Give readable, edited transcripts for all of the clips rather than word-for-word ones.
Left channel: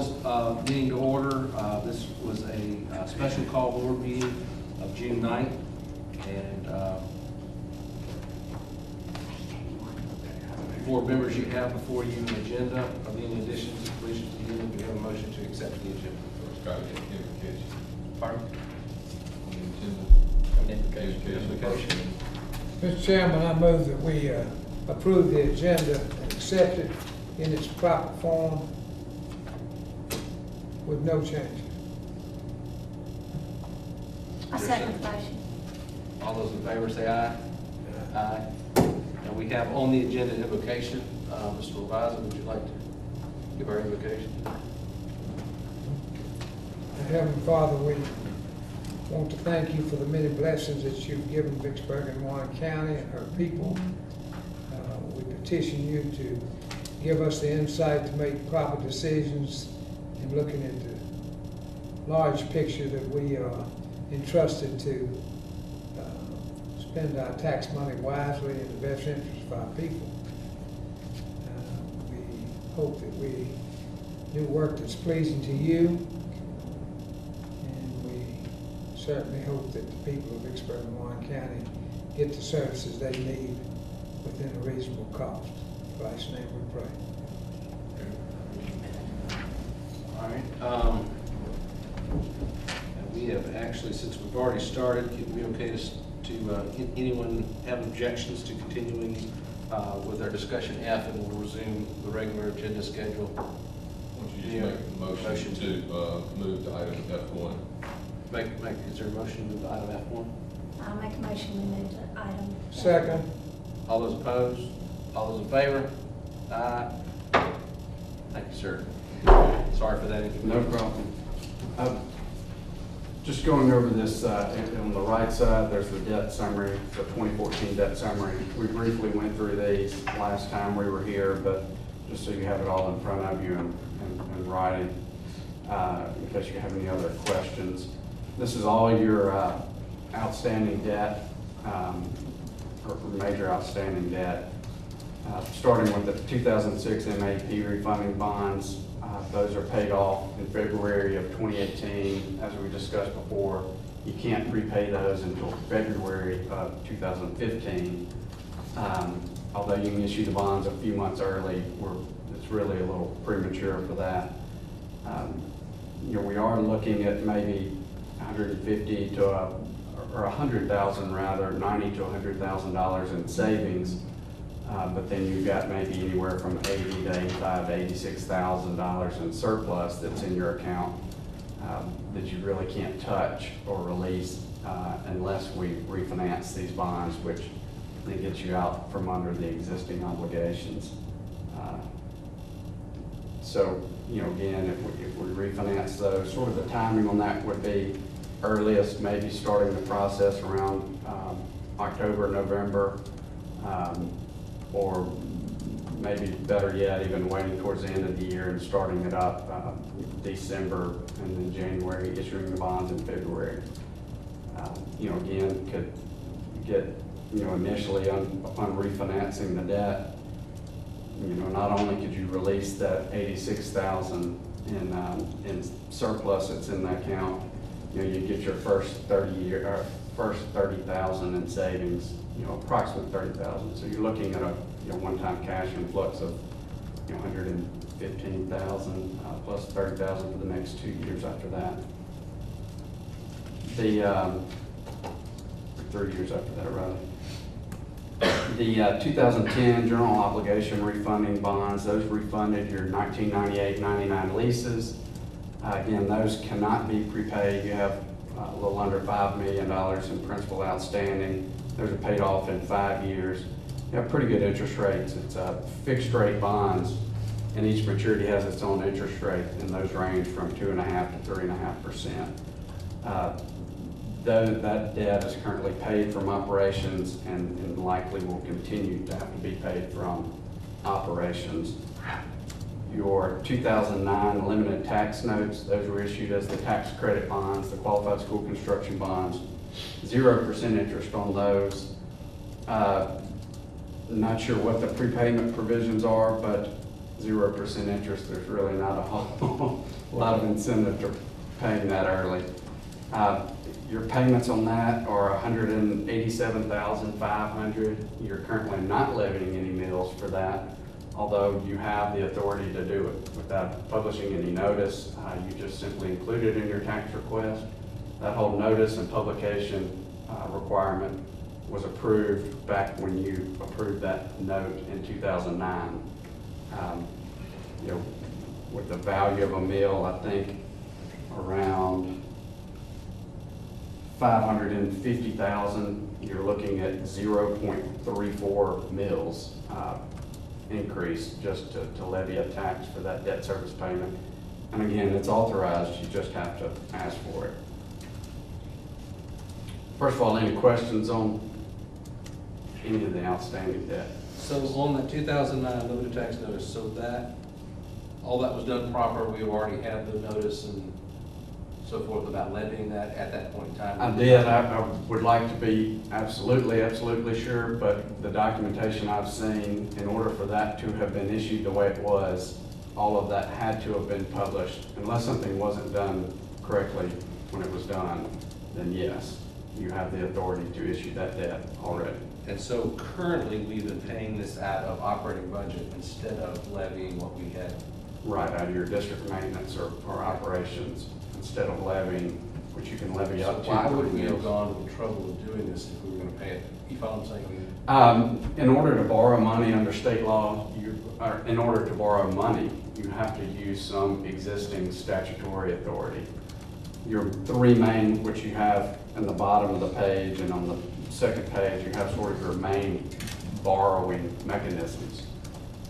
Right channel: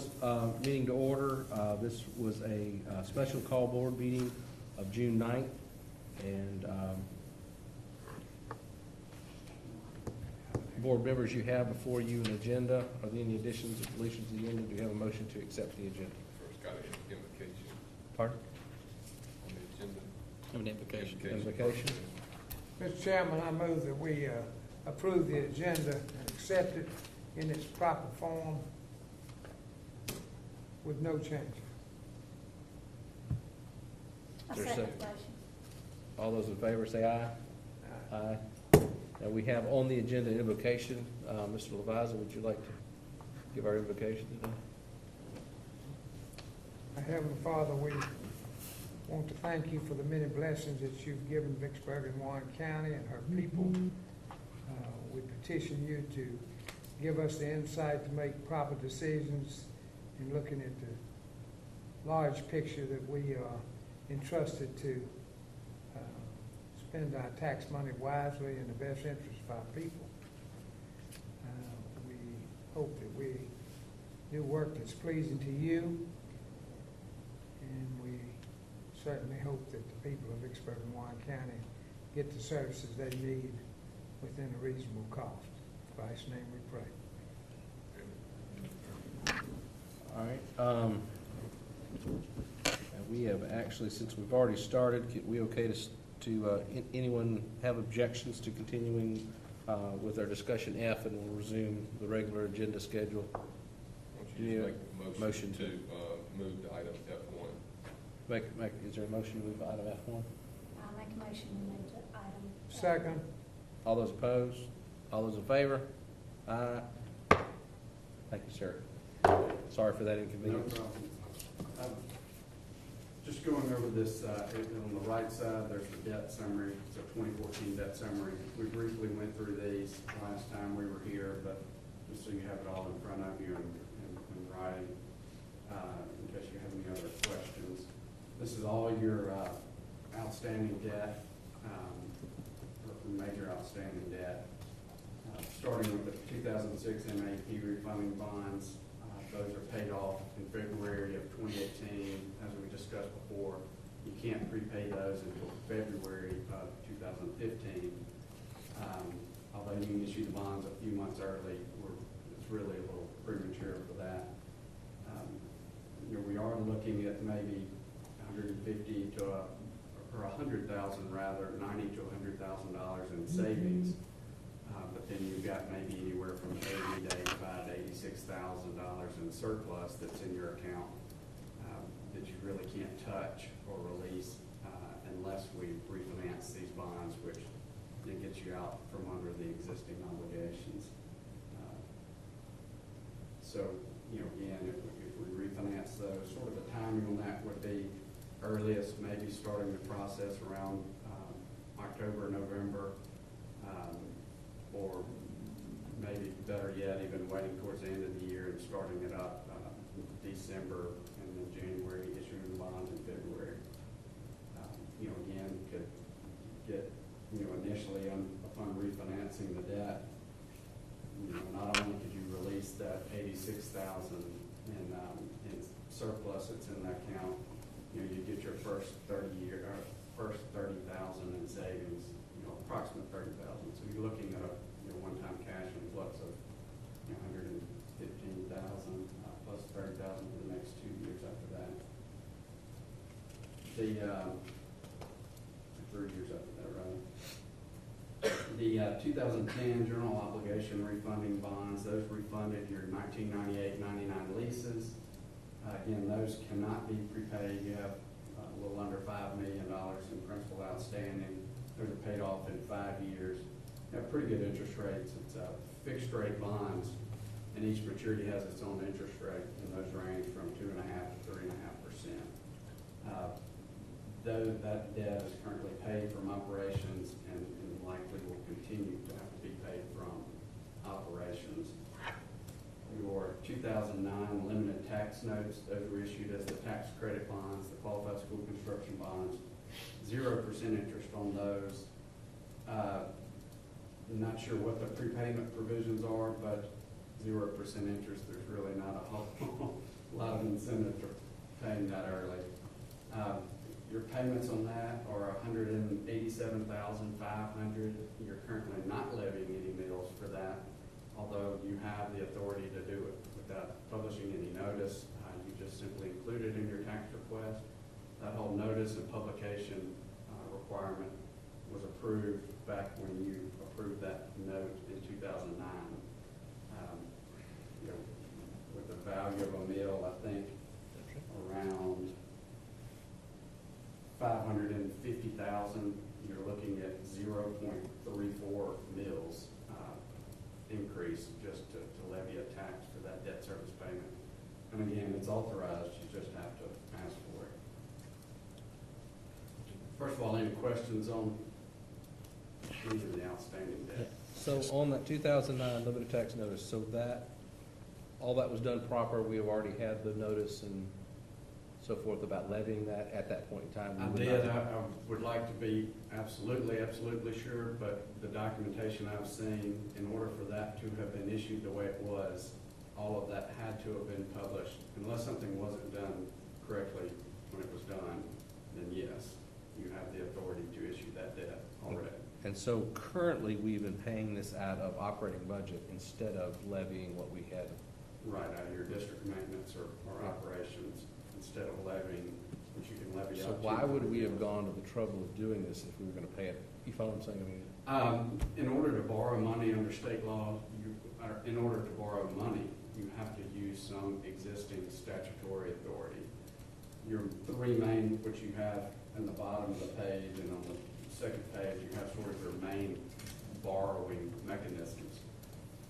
this meeting to order. This was a special call board meeting of June 9th. And board members, you have before you an agenda. Are there any additions, deletions to the agenda? We have a motion to accept the agenda. It's got to get invocation. Pardon? Invocation. Mr. Chairman, I move that we approve the agenda and accept it in its proper form with no change. I second the motion. All those in favor say aye. Aye. And we have on the agenda invocation. Mr. Levisan, would you like to give our invocation? Heavenly Father, we want to thank you for the many blessings that you've given Vicksburg and Warren County and our people. We petition you to give us the insight to make proper decisions in looking at the large picture that we are entrusted to spend our tax money wisely in the best interest of our people. We hope that we do work that's pleasing to you. Certainly hope that the people of Vicksburg and Warren County get the services they need within a reasonable cost. In Christ's name we pray. All right. We have actually, since we've already started, we okay to anyone have objections to continuing with our discussion F, and we'll resume the regular agenda schedule. Won't you just make a motion to move to item F1? Is there a motion to move item F1? I'll make a motion to move to item. Second. All those opposed? All those in favor? Aye. Thank you, sir. Sorry for that. No problem. Just going over this, on the right side, there's the debt summary, the 2014 debt summary. We briefly went through these last time we were here, but just so you have it all in front of you and writing, in case you have any other questions. This is all your outstanding debt, or major outstanding debt. Starting with the 2006 MAP refunding bonds, those are paid off in February of 2018. As we discussed before, you can't prepay those until February of 2015. Although you can issue the bonds a few months early, it's really a little premature for that. We are looking at maybe 150 to or 100,000 rather, $90,000 to $100,000 in savings, but then you've got maybe anywhere from $80,000 to $85,000 to $86,000 in surplus that's in your account that you really can't touch or release unless we refinance these bonds, which then gets you out from under the existing obligations. So, again, if we refinance those, sort of the timing on that would be earliest, maybe starting the process around October, November, or maybe better yet, even waiting towards the end of the year and starting it up December and then January, issuing the bonds in February. Again, could get, initially upon refinancing the debt, not only could you release that $86,000 in surplus that's in that account, you get your first 30,000 in savings, approximately 30,000. So you're looking at a one-time cash influx of 115,000 plus 30,000 for the next 2 years after that. The 3 years after that, rather. The 2010 general obligation refunding bonds, those refunded your 1998-99 leases. Again, those cannot be prepaid. You have a little under $5 million in principal outstanding. Those are paid off in 5 years. You have pretty good interest rates. It's fixed rate bonds, and each maturity has its own interest rate, and those range from 2.5% to 3.5%. That debt is currently paid from operations and likely will continue to have to be paid from operations. Your 2009 limited tax notes, those were issued as the tax credit bonds, the qualified school construction bonds, 0% interest on those. Not sure what the prepayment provisions are, but 0% interest, there's really not a whole lot of incentive to paying that early. Your payments on that are $187,500. You're currently not levying any mills for that, although you have the authority to do it without publishing any notice. You just simply include it in your tax request. That whole notice and publication requirement was approved back when you approved that note in 2009. You know, with the value of a mill, I think around 550,000, you're looking at 0.34 mills increase just to levy a tax for that debt service payment. And again, it's authorized, you just have to ask for it. First of all, any questions on any of the outstanding debt? So on the 2009 limited tax notice, so that, all that was done proper, we already had the notice and so forth about levying that at that point in time? I did. I would like to be absolutely sure, but the documentation I've seen, in order for that to have been issued the way it was, all of that had to have been published. Unless something wasn't done correctly when it was done, then yes, you have the authority to issue that debt already. And so currently, we've been paying this out of operating budget instead of levying what we had. Right, out of your district maintenance or operations, instead of levying, which you can levy up to. So why would 3 we have mills. gone to the trouble of doing this if we were gonna pay it? You follow what I'm saying? In order to borrow money under state law, in order to borrow money, you have to use some existing statutory authority. Your 3 main, which you have in the bottom of the page and on the second page, you have sort of your main borrowing mechanisms.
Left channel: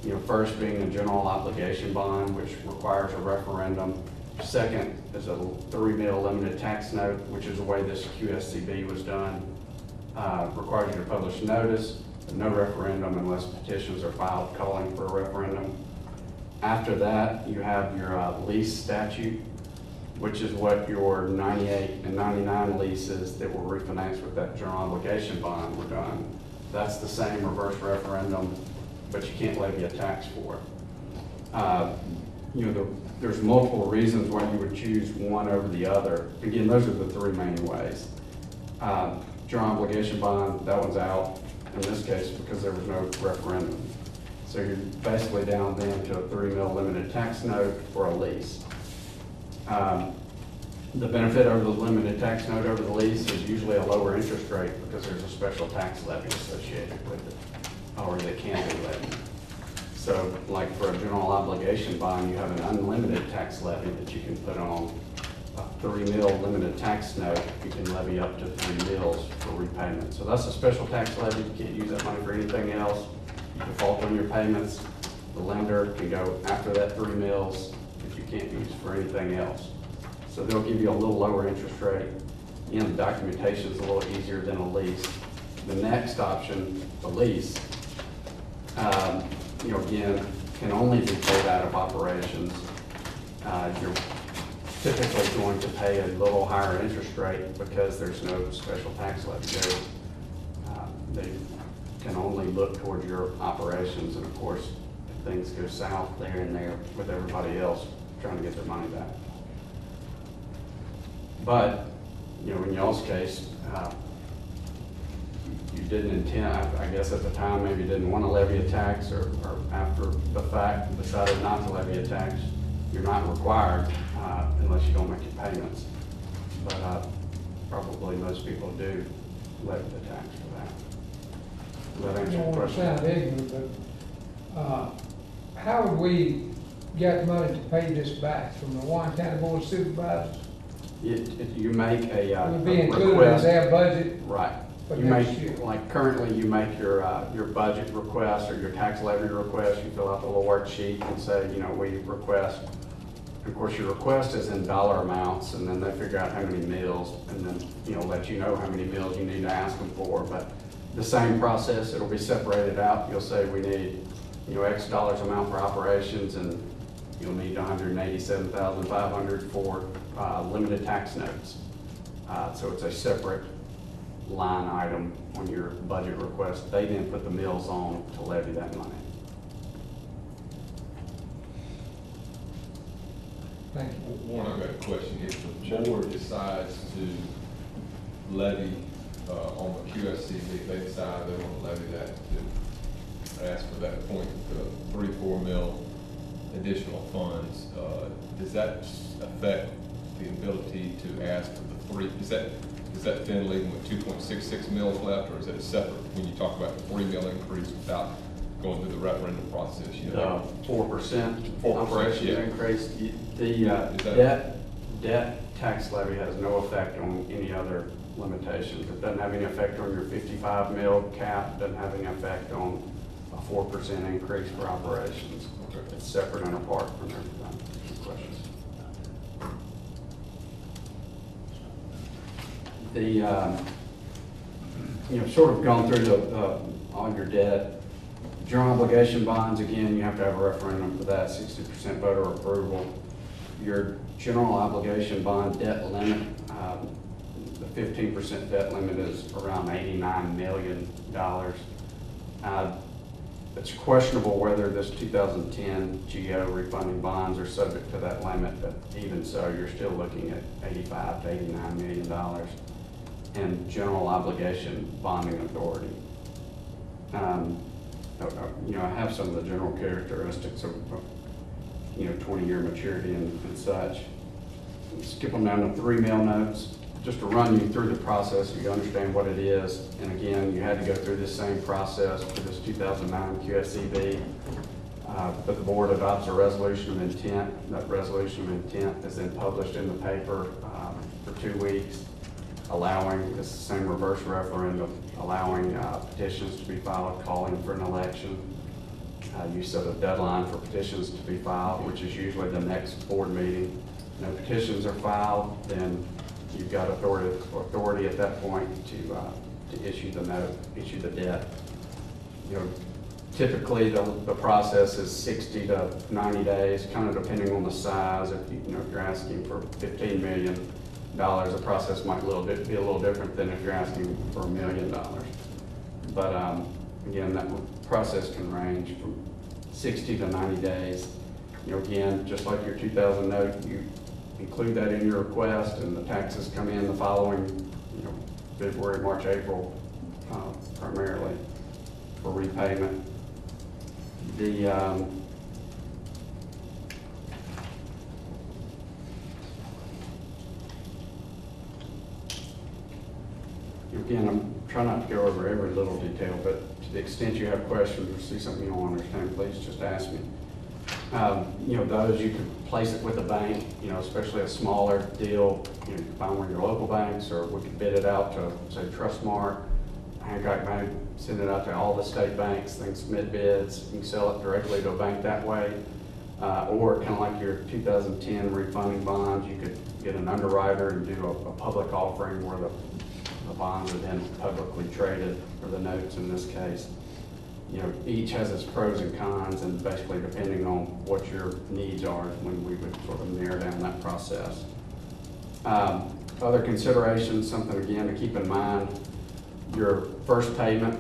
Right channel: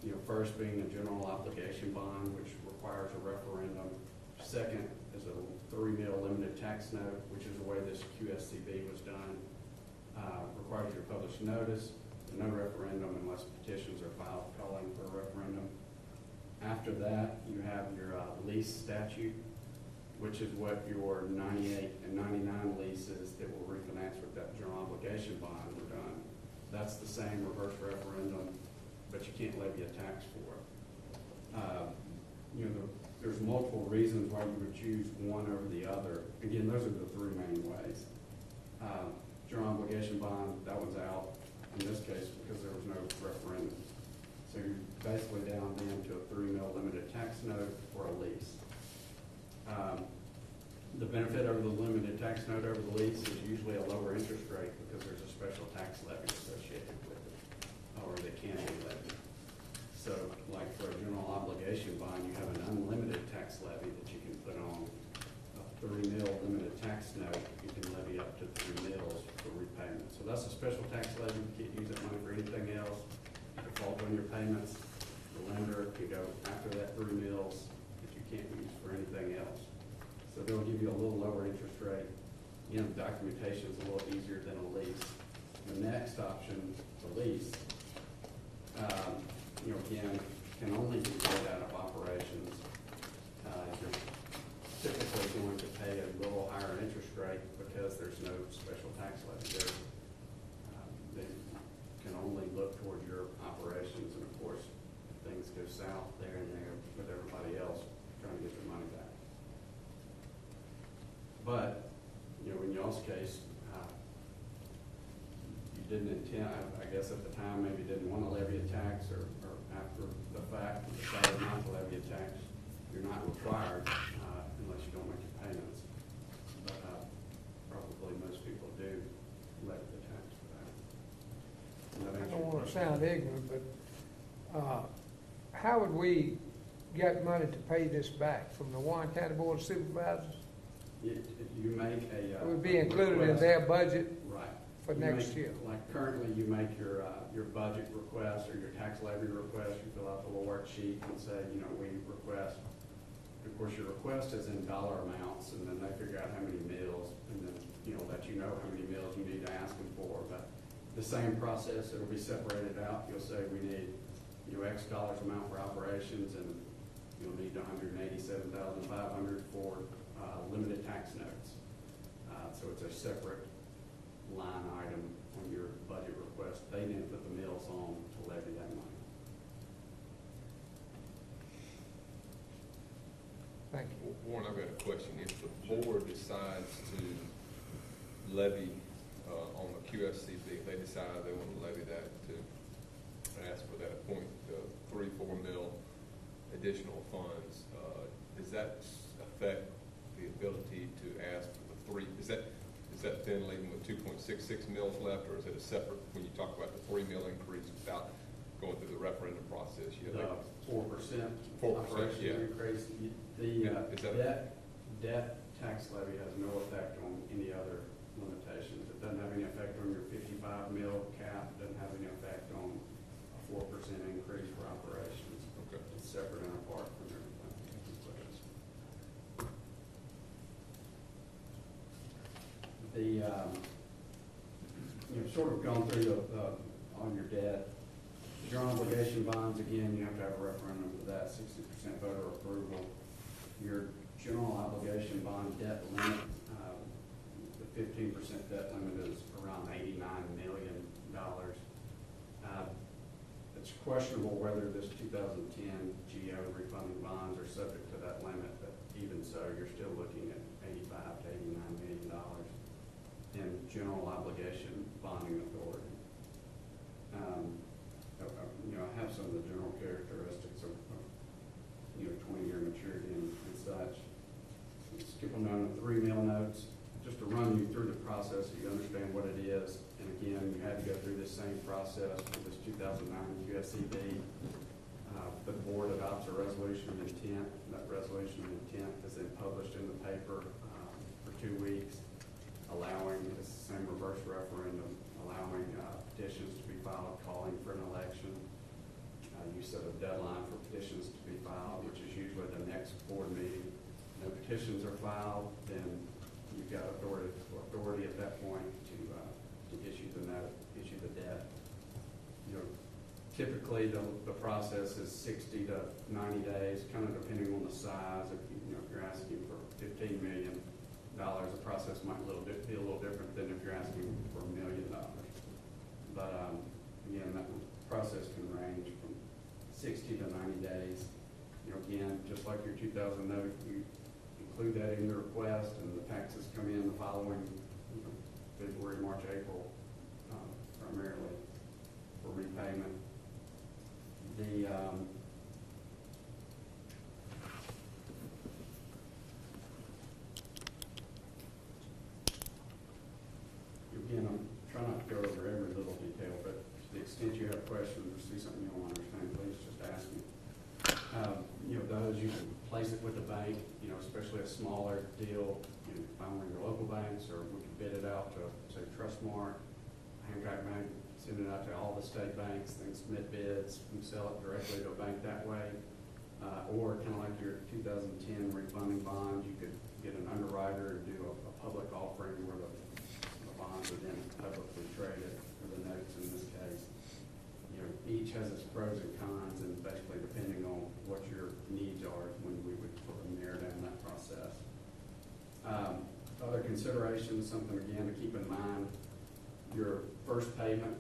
You know, first being a general obligation bond, which requires a referendum. Second is a 3 mil limited tax note, which is the way this QSCB was done. Requires you to publish notice, but no referendum unless petitions are filed calling for a referendum. After that, you have your lease statute, which is what your 98 and 99 leases that were refinanced with that general obligation bond were done. That's the same reverse referendum, but you can't levy a tax for it. You know, there's multiple reasons why you would choose one over the other. Again, those are the 3 main ways. General obligation bond, that one's out in this case because there was no referendum. So you're basically down then to a 3 mil limited tax note or a lease. The benefit over the limited tax note over the lease is usually a lower interest rate because there's a special tax levy associated with it, or that can be levied. So like for a general obligation bond, you have an unlimited tax levy that you can put on. A 3 mil limited tax note, you can levy up to 3 mils for repayment. So that's a special tax levy. You can't use that money for anything else. You default on your payments. The lender can go after that 3 mils if you can't use it for anything else. So they'll give you a little lower interest rate. And the documentation is a little easier than a lease. The next option, the lease, you know, again, can only be paid out of operations. You're typically going to pay a little higher interest rate because there's no special tax levy. They can only look towards your operations, and of course, if things go south, they're in there with everybody else trying to get their money back. But, you know, in y'all's case, you didn't intend, I guess at the time, maybe didn't want to levy a tax, or after the fact decided not to levy a tax. You're not required unless you don't make your payments. But probably most people do levy the tax for that. Does that answer your question? Sound ignorant, but how would we get money to pay this back from the Warren County Board of Supervisors? You make a It would be included in request. their budget Right. for You next make, year. like currently, you make your budget request or your tax levy request. You fill out the little worksheet and say, you know, we request. Of course, your request is in dollar amounts, and then they figure out how many meals, and then, you know, let you know how many meals you need to ask them for. But the same process, it'll be separated out. You'll say we need, you know, X dollars amount for operations, and you'll need 187,500 for limited tax notes. So it's a separate line item on your budget request. They then put the mills on to levy that money. Thank you. Warren, I've got a question. If the board decides to levy, on the QSCD, they decide they want to levy that to ask for that 0.34 mil additional funds, does that affect the ability to ask for the is that then leaving with 2.66 mils left, or is it a separate, when you talk about the 3 mil increase without going through the referendum process? You know, 4% 4%, operations yeah. increase. Debt tax levy has no effect on any other limitations. It doesn't have any effect on your 55 mil cap, doesn't have any effect on a 4% increase for operations. Okay. It's separate and apart from everything. Any questions? Sort of gone through all your debt. General obligation bonds, again, you have to have a referendum for that, 60% voter approval. Your general obligation bond debt limit, the 15% debt limit is around $89 million. It's questionable whether this 2010 GO refunding bonds are subject to that limit, but even so, you're still looking at $85 to $89 million in general obligation bonding authority. I have some of the general characteristics of 20-year maturity and such. Skip them down to 3 mil notes, just to run you through the process so you understand what it is. And again, you had to go through this same process for this 2009 QSCB. But the board adopts a resolution of intent. That resolution of intent is then published in the paper for 2 weeks, allowing, it's the same reverse referendum, allowing petitions to be filed, calling for an election. You set a deadline for petitions to be filed, which is usually the next board meeting. No petitions are filed, then you've got authority at that point to issue the note, issue the debt. Typically the process is 60 to 90 days, kind of depending on the size. If you're asking for $15 million, the process might be a little different than if you're asking for $1 million. But again, that process can range from 60 to 90 days. Again, just like your 2000 note, you include that in your request, and the taxes come in the following, February, March, April, primarily for repayment. Again, I'm trying not to go over every little detail, but to the extent you have questions or see something you don't understand, please just ask me. Those you could place it with a bank, especially a smaller deal. You can find one of your local banks, or we could bid it out to, say, Trustmark, Hancock Bank, send it out to all the state banks, then submit bids. You can sell it directly to a bank that way. Or kind of like your 2010 refunding bonds, you could get an underwriter and do a public offering where the bonds are then publicly traded, or the notes in this case. Each has its pros and cons, and basically depending on what your needs are is when we would sort of narrow down that process. Other considerations, something again to keep in mind, your first payment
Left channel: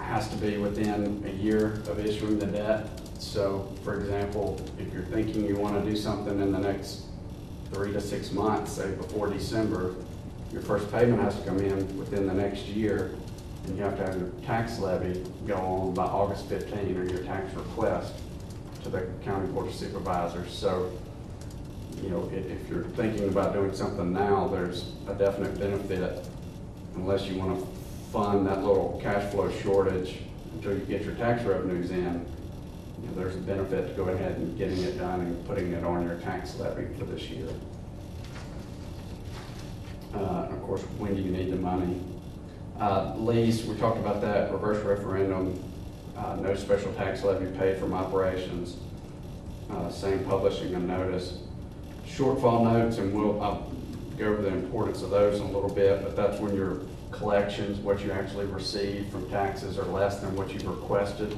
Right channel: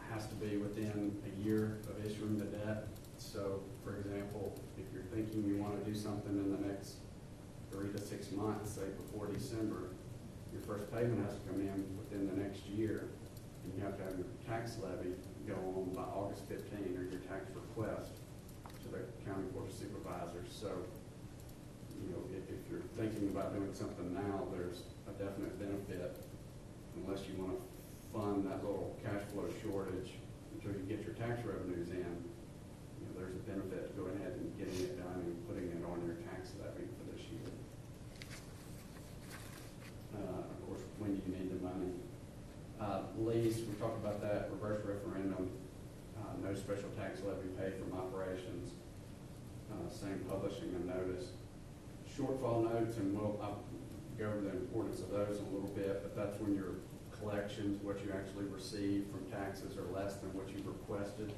has to be within a year of issuing the debt. So for example, if you're thinking you want to do something in the next 3 to 6 months, say before December, your first payment has to come in within the next year, and you have to have your tax levy go on by August 15, or your tax request to the County Board of Supervisors. So, if you're thinking about doing something now, there's a definite benefit, unless you want to fund that little cash flow shortage until you get your tax revenues in. There's a benefit to go ahead and getting it done and putting it on your tax levy for this year. And of course, when do you need the money? Lease, we talked about that, reverse referendum, no special tax levy paid from operations, same publishing a notice. Shortfall notes, and I'll go over the importance of those in a little bit, but that's when your collections, what you actually receive from taxes, are less than what you've requested.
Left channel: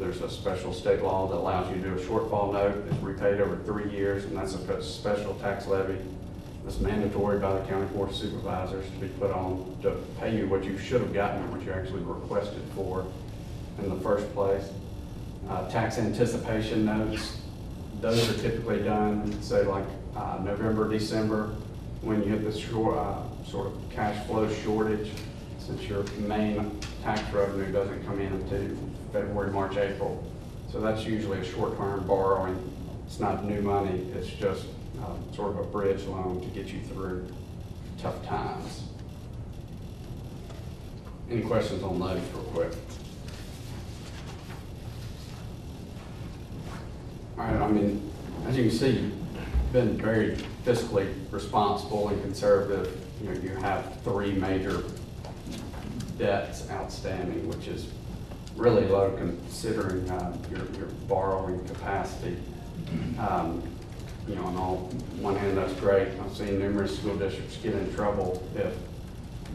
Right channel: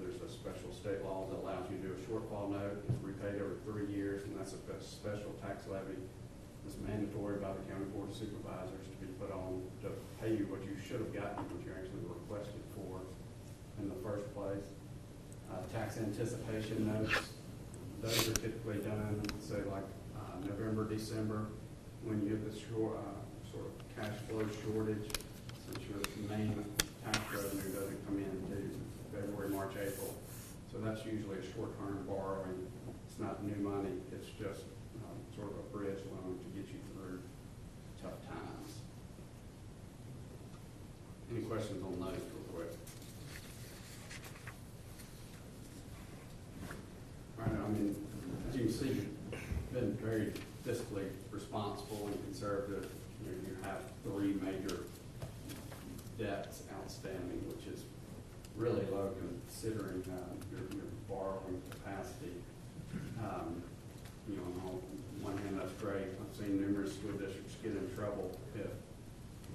There's a special state law that allows you to do a shortfall note. It's repaid over 3 years, and that's a special tax levy. It's mandatory by the County Board of Supervisors to be put on to pay you what you should have gotten, what you actually requested for in the first place. Tax anticipation notes, Those are typically done, say like November, December, when you hit the sort of cash flow shortage, since your main tax revenue doesn't come in until February, March, April. So that's usually a short-term borrowing. It's not new money, it's just sort of a bridge loan to get you through tough times. Any questions on those real quick? All right, I mean, as you can see, you've been very fiscally responsible and conservative. You know, you have 3 major debts outstanding, which is really low considering your borrowing capacity. You know, on one hand, that's great. I've seen numerous school districts get in trouble if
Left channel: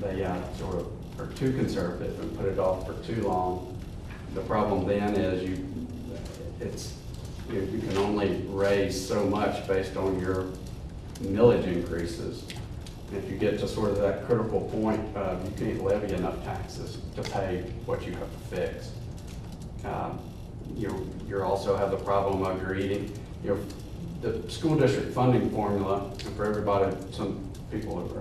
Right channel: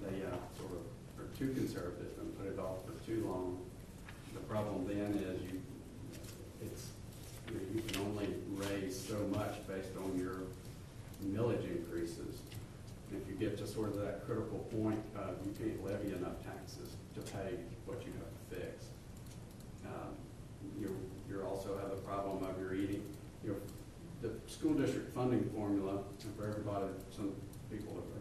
they sort of are too conservative and put it off for too long. The problem then is you can only raise so much based on your millage increases. And if you get to sort of that critical point, you can't levy enough taxes to pay what you have to fix. You also have the problem of your eating. The school district funding formula, and for everybody, some people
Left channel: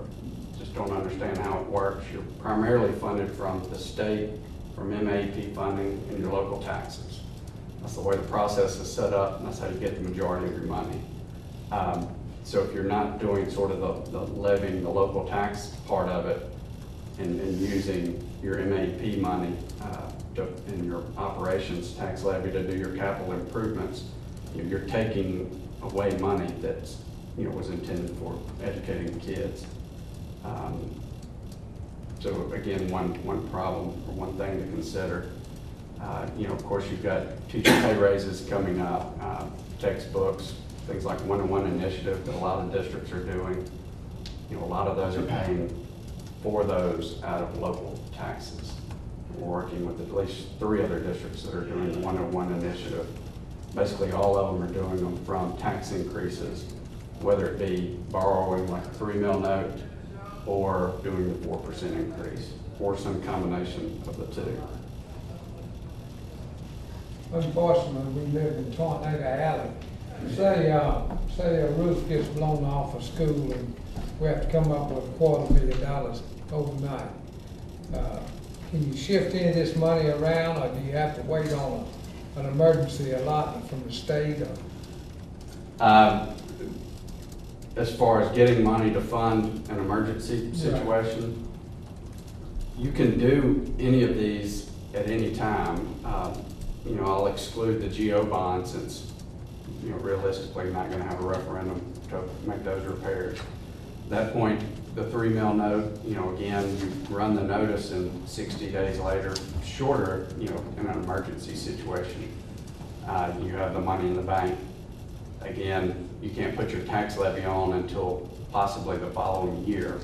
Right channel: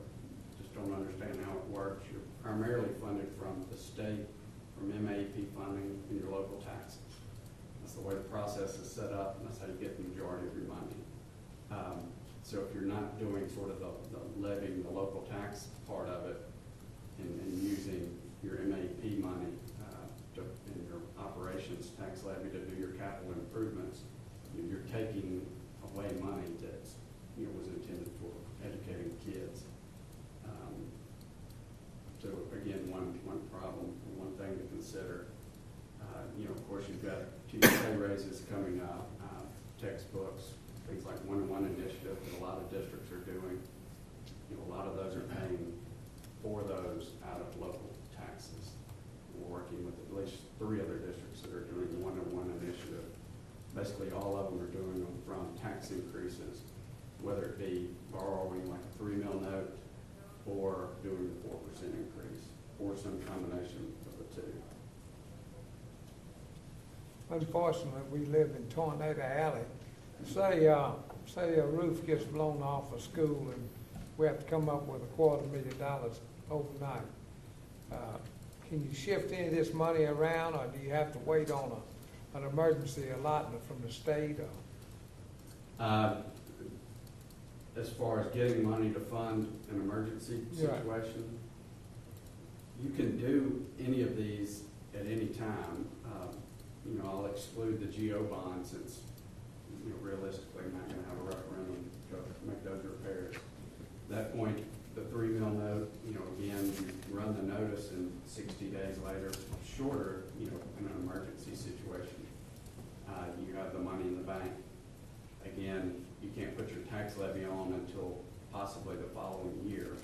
just don't understand how it works. You're primarily funded from the state, from MAP funding, and your local taxes. That's the way the process is set up, and that's how you get the majority of your money. So if you're not doing sort of the levying, the local tax part of it, and using your MAP money in your operations tax levy to do your capital improvements, you're taking away money that's was intended for educating kids. So again, one problem or one thing to consider. Of course, you've got teacher pay raises coming up, textbooks, things like one-on-one initiative that a lot of districts are doing. A lot of those are paying for those out of local taxes. We're working with at least 3 other districts that are doing the one-on-one initiative. Basically, all of them are doing them from tax increases, whether it be borrowing like a $3 million note or doing the 4% increase, or some combination of the 2. Unfortunately, we live in Tornado Alley. Say a roof gets blown off a school and we have to come up with $250,000 overnight. Can you shift any of this money around, or do you have to wait on an emergency allotment from the state? As far as getting money to fund an emergency situation, you can do any of these at any time. I'll exclude the GO bond since, realistically, you're not going to have a referendum to make those repairs. At that point, the $3 million note, again, you run the notice and 60 days later, shorter, in an emergency situation, you have the money in the bank. Again, you can't put your tax levy on until possibly the following year,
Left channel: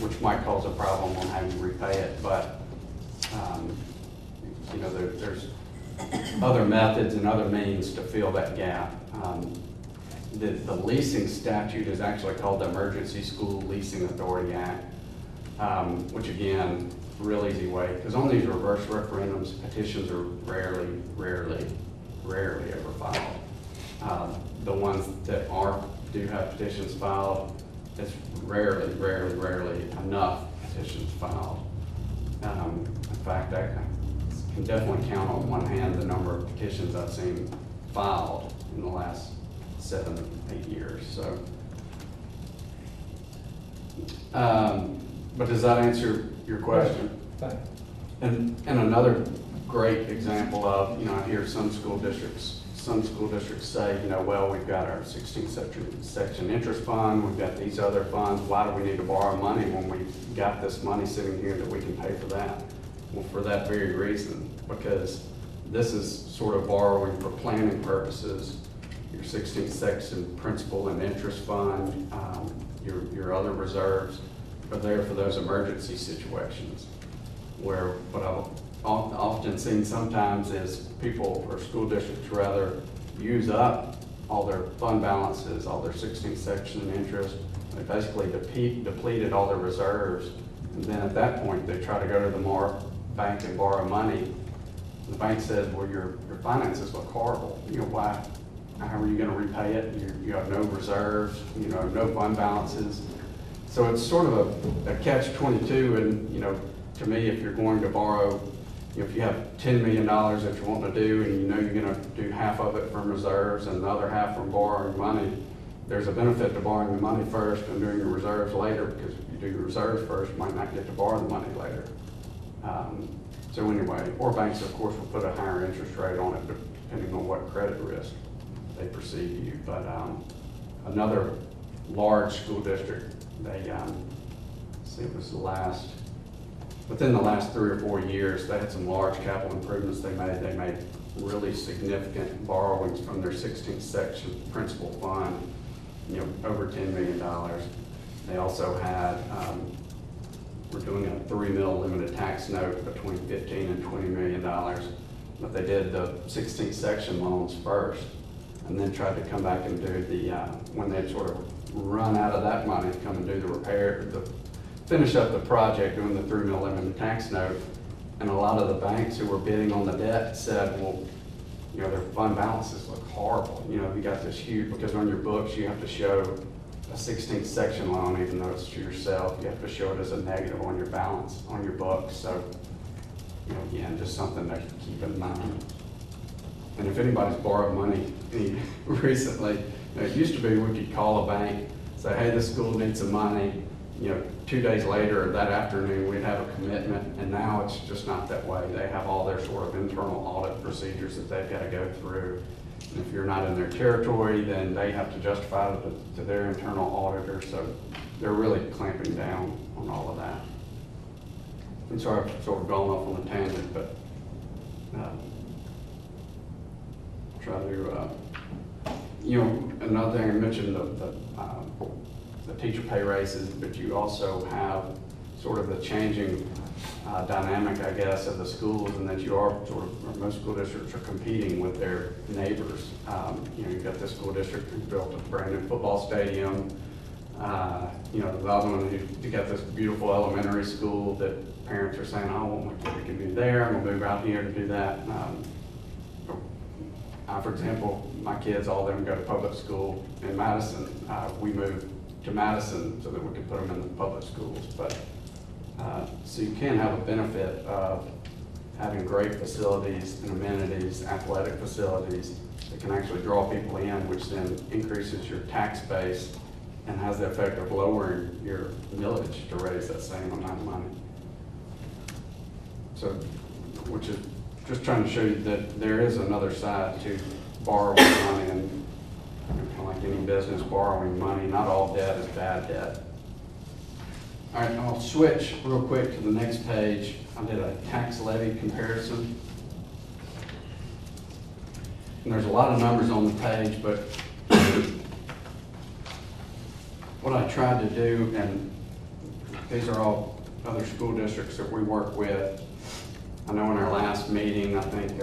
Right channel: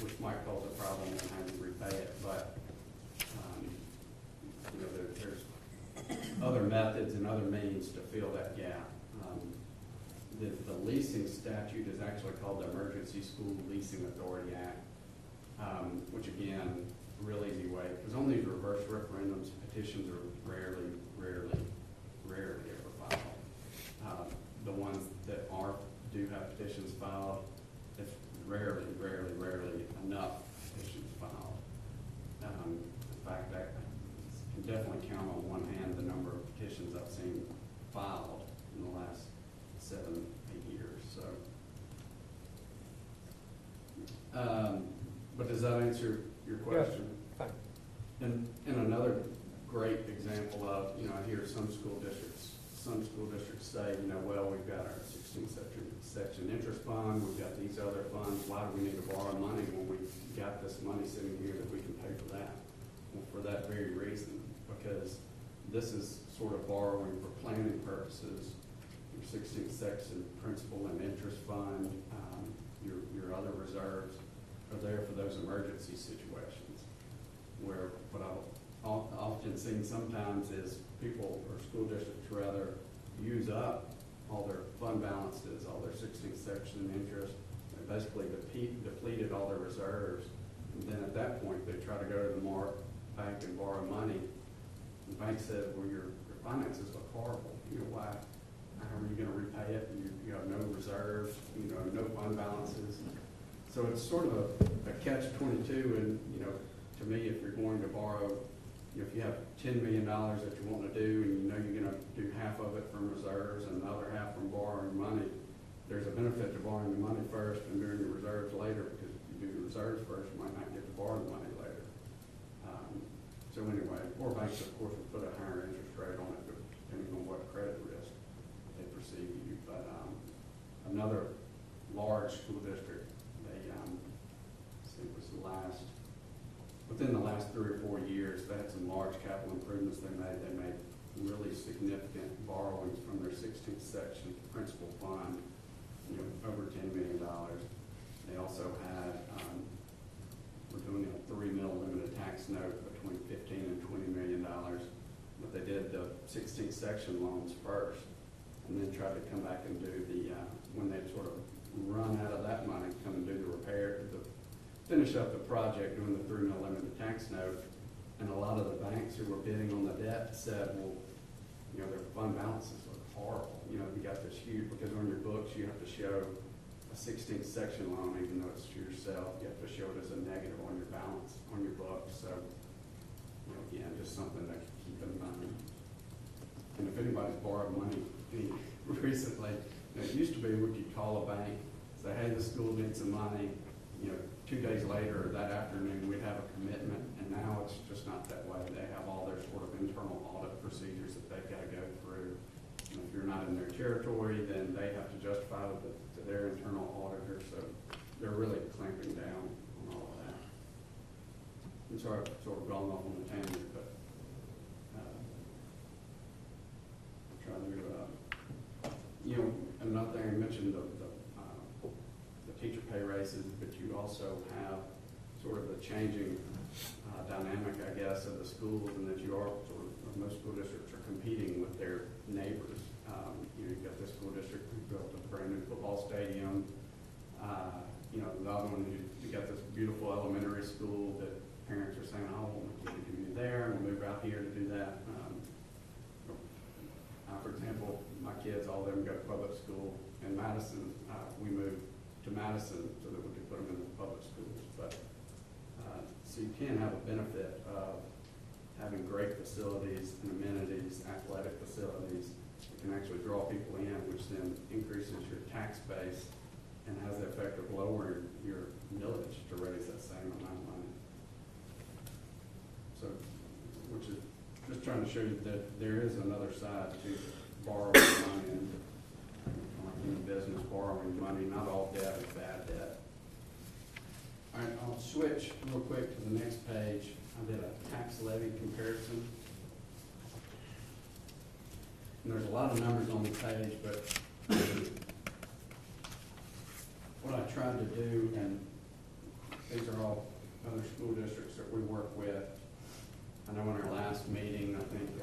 which might cause a problem on having to repay it, but there's other methods and other means to fill that gap. The leasing statute is actually called the Emergency School Leasing Authority Act, which again, real easy way, because on these reverse referendums, petitions are rarely ever filed. The ones that do have petitions filed, it's rarely enough petitions filed. In fact, I can definitely count on one hand the number of petitions I've seen filed in the last 7, 8 years. So, but does that answer your question? And another great example of, I hear some school districts say, well, we've got our 16th section interest fund, we've got these other funds, why do we need to borrow money when we've got this money sitting here that we can pay for that? Well, for that very reason, because this is sort of borrowing for planning purposes. Your 16th section principal and interest fund, your other reserves are there for those emergency situations, where what I've often seen sometimes is people or school districts rather use up all their fund balances, all their 16th section interest. They basically depleted all their reserves, and then at that point they try to go to the bank and borrow money. The bank says, well, your finances look horrible. how are you gonna repay it? You have no reserves, you know, no fund balances. So it's sort of a catch-22, and, you know, to me, if you're going to borrow, you know, if you have $10 million that you want to do, and you know you're gonna do half of it from reserves and the other half from borrowing money, there's a benefit to borrowing the money first and doing the reserves later, because if you do the reserves first, you might not get to borrow the money later. So anyway, or banks, of course, will put a higher interest rate on it, depending on what credit risk they perceive you. But another large school district, they, see, it was within the last 3 or 4 years, they had some large capital improvements they made. They made really significant borrowings from their 16th section principal fund, you know, over $10 million. They also had, we're doing a $3 million limited tax note between $15 and $20 million, but they did the 16th section loans first, and then tried to come back and do the, when they'd sort of run out of that money, come and do the repair, finish up the project doing the $3 million limited tax note. And a lot of the banks who were bidding on the debt said, well, you know, their fund balances look horrible. You know, you got this huge, because on your books, you have to show a 16th section loan, even though it's to yourself, you have to show it as a negative on your balance, on your books. So, you know, again, just something to keep in mind. And if anybody's borrowed money recently, you know, it used to be we could call a bank, say, hey, this school needs some money. You know, 2 days later or that afternoon, we'd have a commitment, and now it's just not that way. They have all their sort of internal audit procedures that they've got to go through. And if you're not in their territory, then they have to justify it to their internal auditor. So they're really clamping down on all of that. I'm sorry I've sort of gone off on a tangent, but try to, you know, another thing I mentioned, the teacher pay raises, but you also have sort of the changing dynamic, I guess, of the schools, and that you are sort of, most school districts are competing with their neighbors. You know, you've got this school district who built a brand new football stadium. You know, the other one, you got this beautiful elementary school that parents are saying, I want my kid to do there, I'm gonna move out here to do that. For example, my kids, all of them go to public school in Madison. We moved to Madison so that we could put them in the public schools. But so you can have a benefit of having great facilities and amenities, athletic facilities that can actually draw people in, which then increases your tax base and has the effect of lowering your millage to raise that same amount of money. So, which is just trying to show you that there is another side to borrowing money, and kind of like any business, borrowing money, not all debt is bad debt. All right, I'll switch real quick to the next page. I did a tax levy comparison. And there's a lot of numbers on the page, but what I tried to do, and these are all other school districts that we work with. I know in our last meeting, I think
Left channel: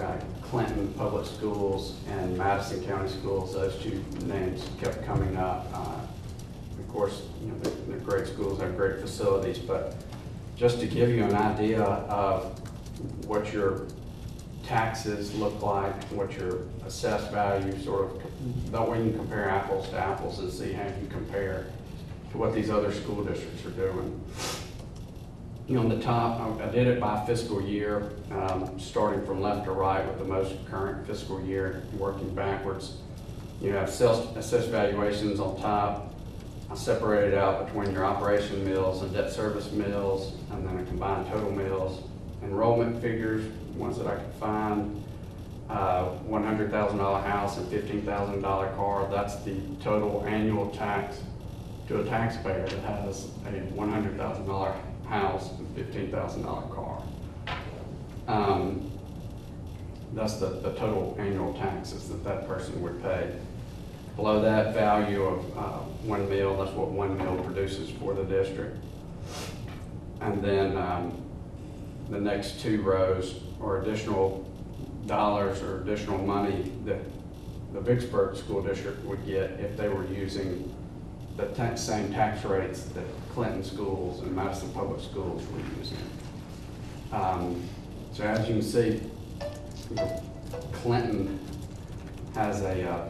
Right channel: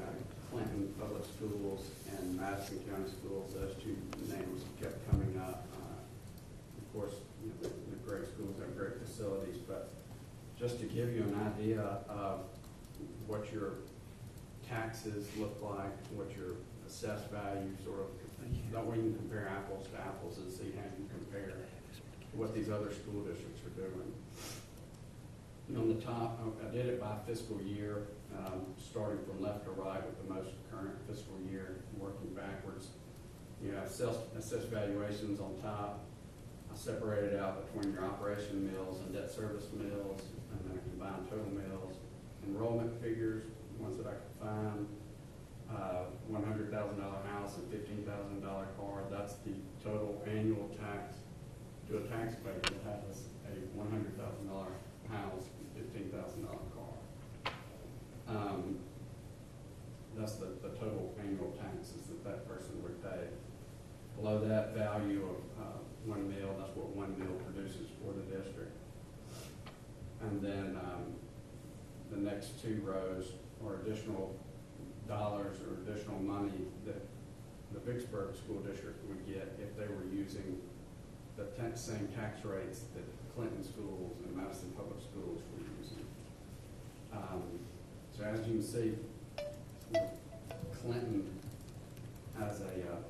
Clinton Public Schools and Madison County Schools, those two names kept coming up. Of course, you know, they're great schools, have great facilities, but just to give you an idea of what your taxes look like, what your assessed value sort of, that way you can compare apples to apples and see how you compare to what these other school districts are doing. You know, on the top, I did it by fiscal year, starting from left to right with the most current fiscal year, working backwards. You have assessed valuations on top. I separated out between your operation mills and debt service mills, and then a combined total mills. Enrollment figures, ones that I could find, $100,000 house and $15,000 car. That's the total annual tax to a taxpayer that has a $100,000 house and $15,000 car. That's the total annual taxes that person would pay. Below that, value of 1 mil, that's what 1 mil produces for the district. And then the next two rows are additional dollars or additional money that the Vicksburg school district would get if they were using the same tax rates that Clinton schools and Madison public schools were using. So as you can see, Clinton has a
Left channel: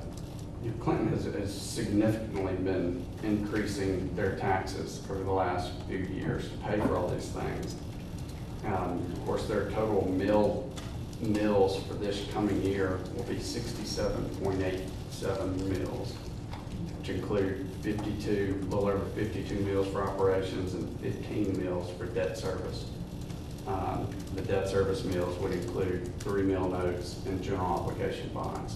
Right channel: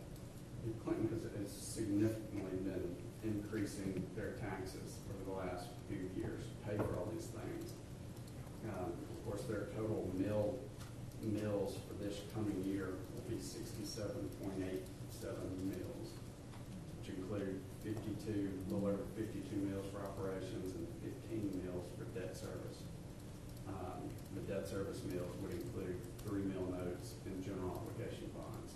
Clinton has significantly been increasing their taxes over the last few years to pay for all these things. Of course, their total mills for this coming year will be 67.87 mills, which include 52, a little over 52 mills for operations and 15 mills for debt service. The debt service mills would include 3 mill notes and general obligation bonds.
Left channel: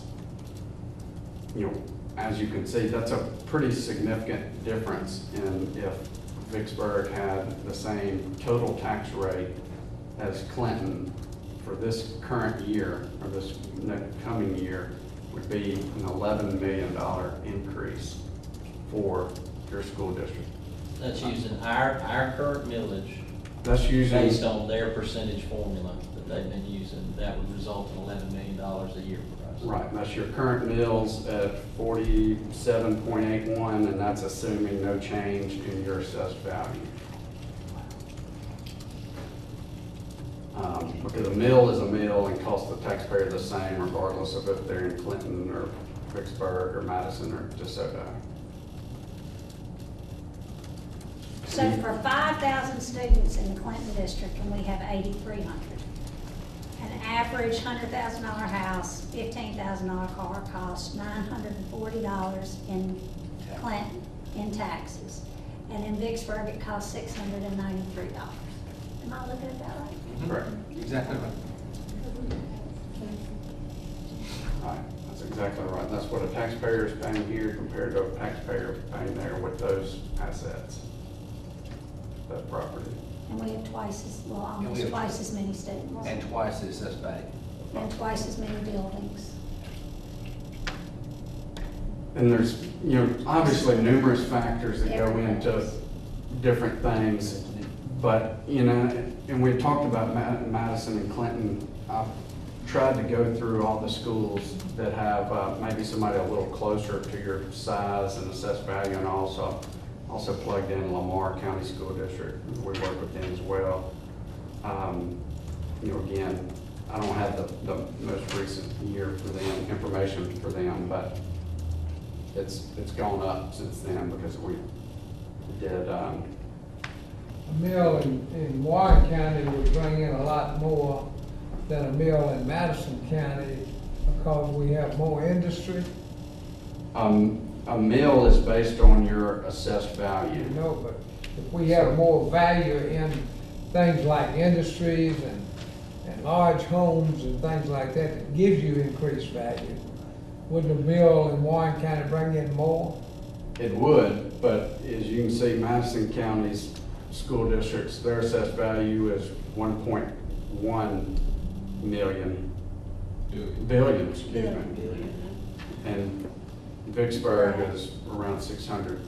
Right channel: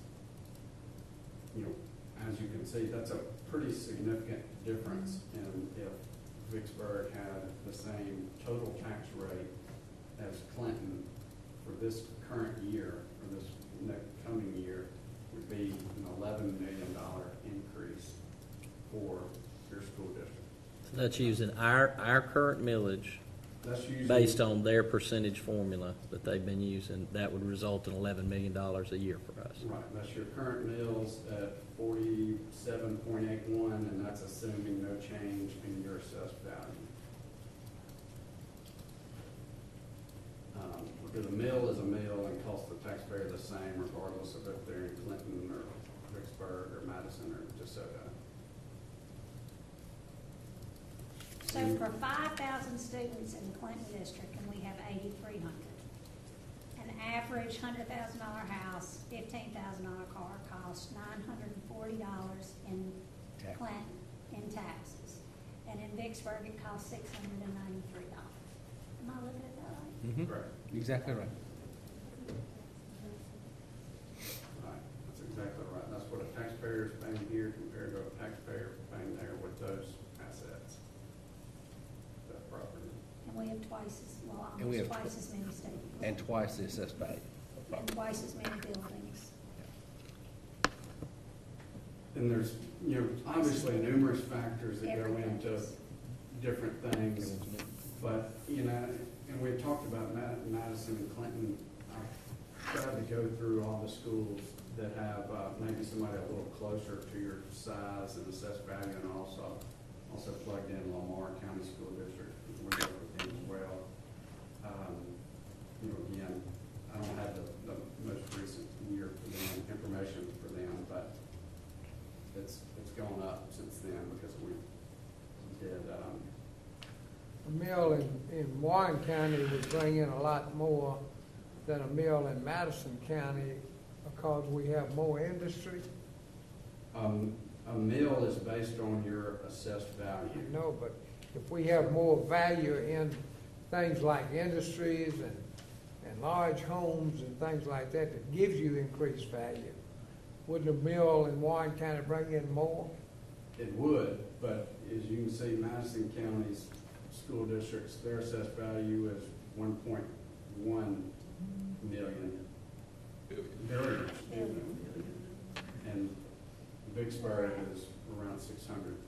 You know, as you can see, that's a pretty significant difference in if Vicksburg had the same total tax rate as Clinton for this current year, or this coming year, would be an $11 million increase for your school district. That's using our current millage That's usually, based on their percentage formula that they've been using. That would result in $11 million a year for us. right, that's your current mills at 47.81, and that's assuming no change in your assessed value. Because a mill is a mill and costs the taxpayer the same regardless of if they're in Clinton or Vicksburg or Madison or DeSoto. So for 5,000 students in the Clinton district, and we have 8,300. An average $100,000 house, $15,000 car costs $940 in Clinton in taxes. And in Vicksburg, it costs $693. Am I looking at that right? Correct. Exactly right. Right, that's exactly right. That's what a taxpayer is paying here compared to a taxpayer paying there with those assets, that property. And we have twice as, well, And we almost have- twice as many students. And twice the assessed value. And twice as many buildings. And there's, you know, obviously numerous factors that go into different things, but, you know, and we talked about Madison and Clinton. I've tried to go through all the schools that have maybe somebody a little closer to your size and assessed value, and also plugged in Lamar County School District. We work with them as well. You know, again, I don't have the most recent year for them, information for them, but it's gone up since then because we did, A mill in Warren County would bring in a lot more than a mill in Madison County because we have more industry. a mill is based on your assessed value. You know, but if we have more value in things like industries and large homes and things like that, that gives you increased value, wouldn't a mill in Warren County bring in more? It would, but as you can see, Madison County's school districts, their assessed value is 1.1 billion, excuse me. And Vicksburg is around 600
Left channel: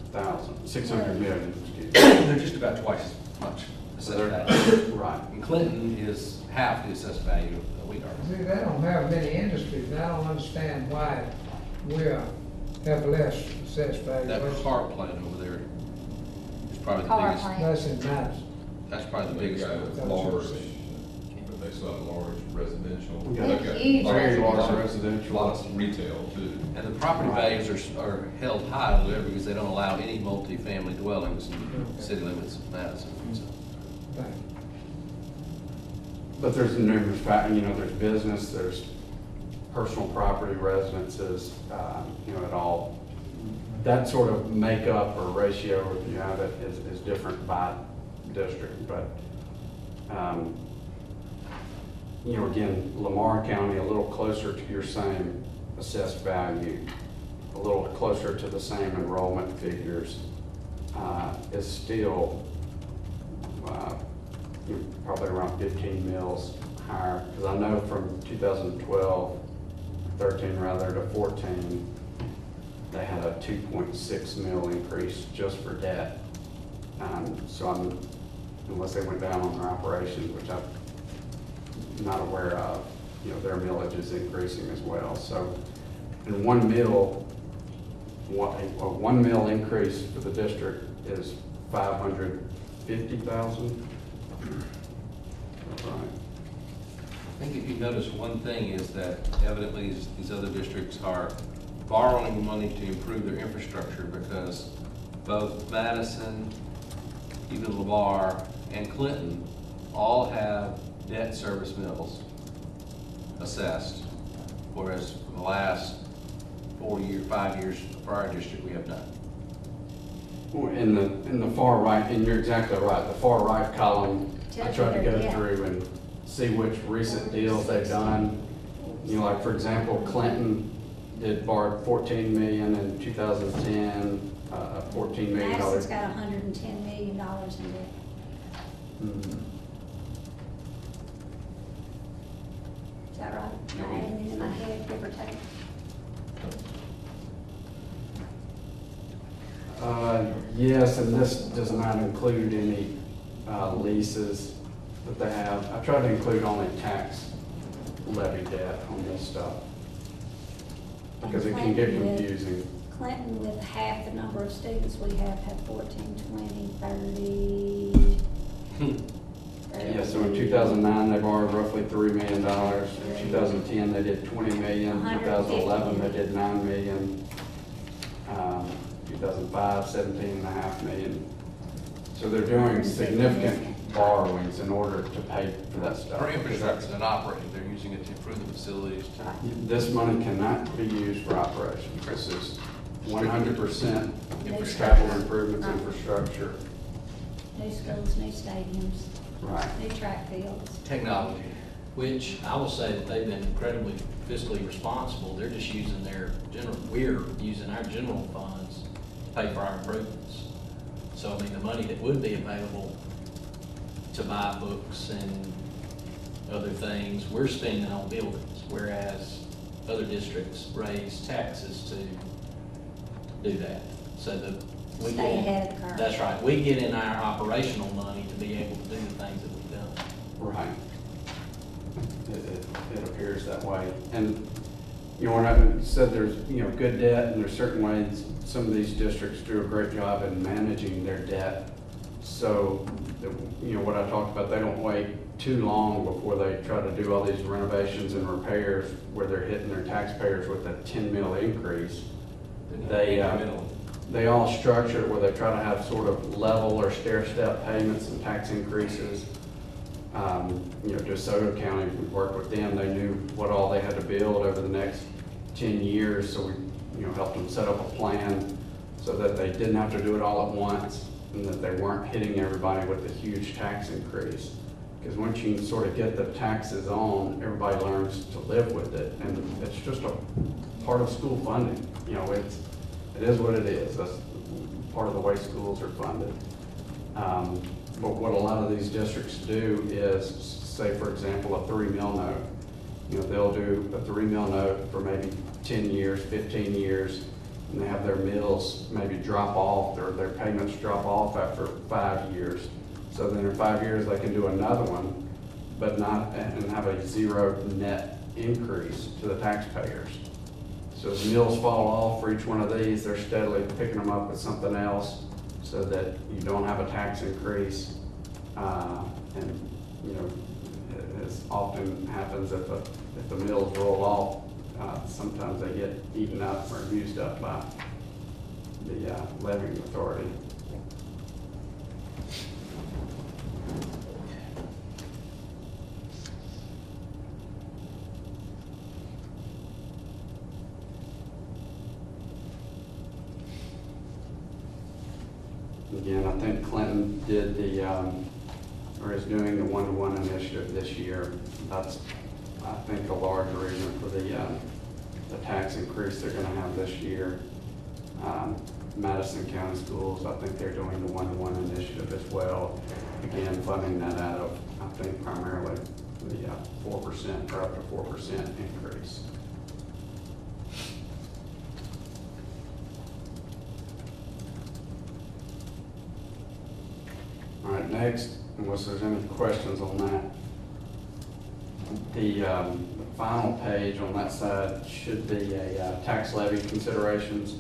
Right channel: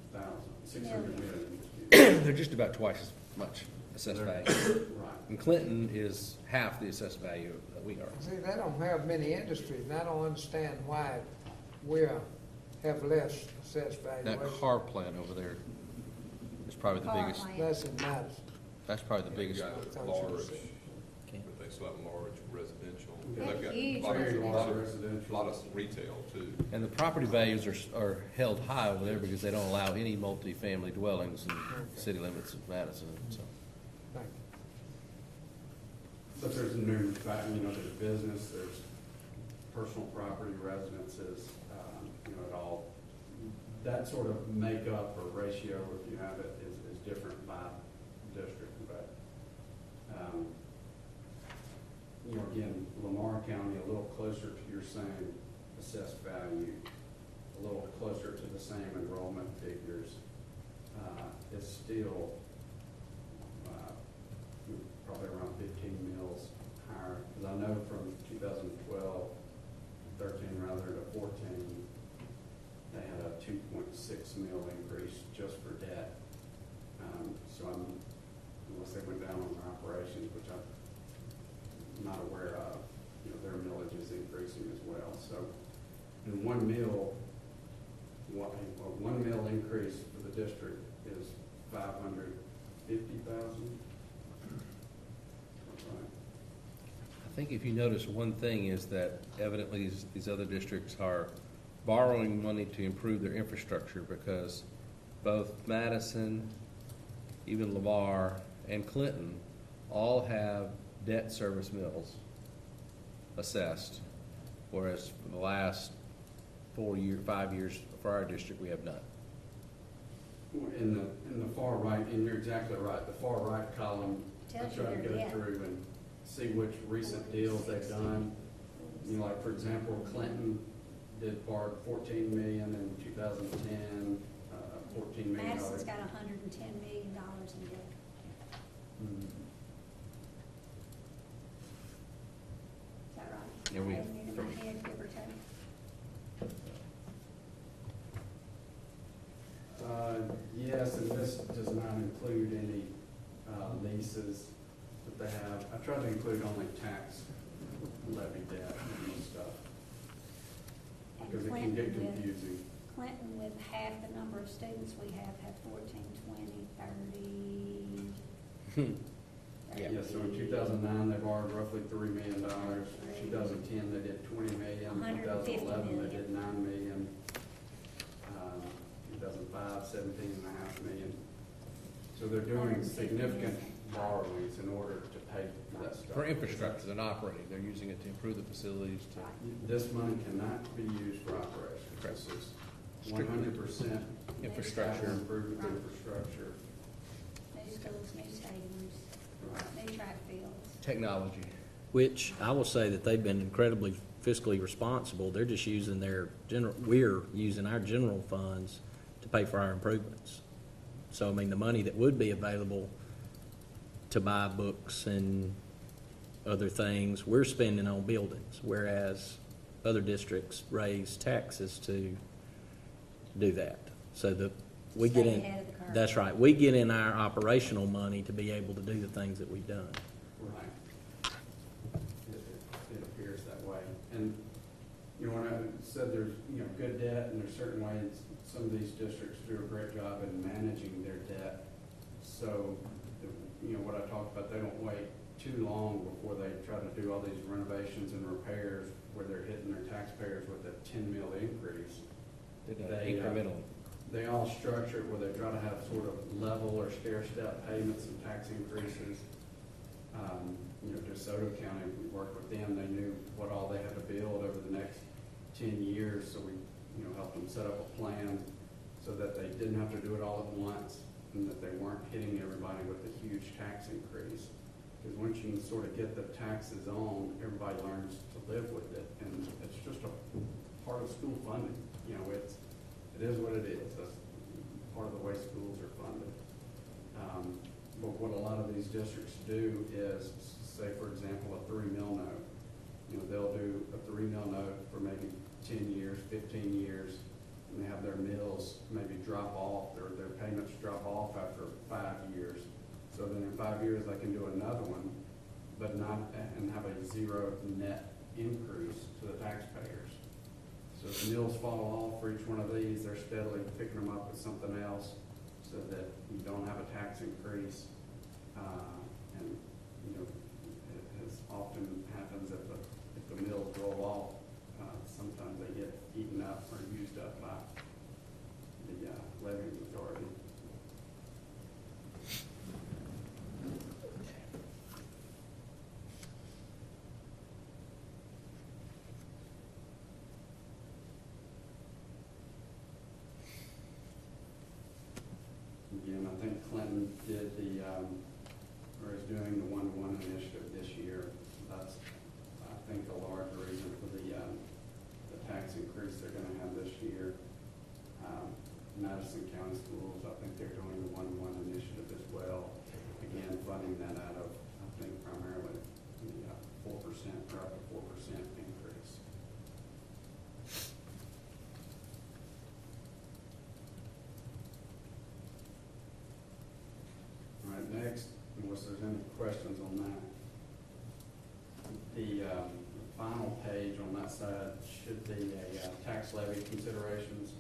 million, excuse me. They're just about twice as much assessed value. Right. And Clinton is half the assessed value that we are. See, they don't have many industries, and I don't understand why we have less assessed value. That car plant over there is probably the Car biggest, plant. That's in Madison. that's probably the Big biggest. guy that's large, but they still have large residential. We got They've got huge Very large A residential. lot of retail too. And the property values are held high over there because they don't allow any multifamily dwellings in city limits of Madison. So, Right. But there's numerous factors, you know, there's business, there's personal property, residences, you know, it all, that sort of makeup or ratio, if you have it, is different by district, but, you know, again, Lamar County, a little closer to your same assessed value, a little closer to the same enrollment figures, is still, you're probably around 15 mils higher, because I know from 2012, 13 rather, to 14, they had a 2.6 mil increase just for debt. So unless they went down on their operations, which I'm not aware of, you know, their millage is increasing as well. So in one mill, a 1 mil increase for the district is 550,000. Right. I think if you notice, one thing is that evidently these other districts are borrowing money to improve their infrastructure because both Madison, even LeVar, and Clinton all have debt service mills assessed, whereas for the last 5 years for our district, we have none. In the far right, and you're exactly right, the far right column, I tried to go Yeah. through and see which recent deals they've done. You know, like for example, Clinton did borrow 14 million in 2010, $14 million. Madison's got $110 million in debt. Mhm. Is that right? Am I adding it in my head, give or take? Yes, and this does not include any leases that they have. I tried to include only tax levy debt on this stuff, because it can get confusing. Clinton, with half the number of students we have 14, 20, 30. Yeah, so in 2009, they borrowed roughly $3 million. In 2010, they did 20 million. 2011, they did 9 million. 2005, 17.5 million. So they're doing significant borrowings in order to pay for that stuff. For infrastructure and operating, they're using it to improve the facilities. This money cannot be used for operations. This is 100% capital improvements infrastructure. New schools, new stadiums, Right. new track fields. Technology. Which I will say that they've been incredibly fiscally responsible. They're just using we're using our general funds to pay for our improvements. So, I mean, the money that would be available to buy books and other things, we're spending on buildings, whereas other districts raise taxes to do that. So we get Stay in, ahead of the curve. that's right, we get in our operational money to be able to do the things that we've done. Right. It appears that way. And, you know, when I said there's, you know, good debt, and there's certain ways some of these districts do a great job in managing their debt. So, you know, what I talked about, they don't wait too long before they try to do all these renovations and repairs where they're hitting their taxpayers with a 10 mil increase. They all structure it where they try to have sort of level or stair-step payments and tax increases. You know, DeSoto County, we worked with them, they knew what all they had to build over the next 10 years, so we, you know, helped them set up a plan so that they didn't have to do it all at once, and that they weren't hitting everybody with a huge tax increase. Because once you sort of get the taxes on, everybody learns to live with it, and it's just a part of school funding. You know, it is what it is. That's part of the way schools are funded. But what a lot of these districts do is, say, for example, a 3 mil note. You know, they'll do a 3 mil note for maybe 10 years, 15 years, and they have their mills maybe drop off, or their payments drop off after 5 years. So then in 5 years, they can do another one, but not, and have a zero net increase to the taxpayers. So as mills fall off for each one of these, they're steadily picking them up with something else so that you don't have a tax increase. And, you know, as often happens, if the mills roll off, sometimes they get eaten up or used up by the levying authority. Again, I think Clinton did or is doing the one-to-one initiative this year. That's, I think, a large reason for the tax increase they're gonna have this year. Madison County Schools, I think they're doing the one-to-one initiative as well. Again, funding that out of, I think, primarily the 4% or up to 4% increase. All right, next, unless there's any questions on that, the final page on that side should be a tax levy considerations.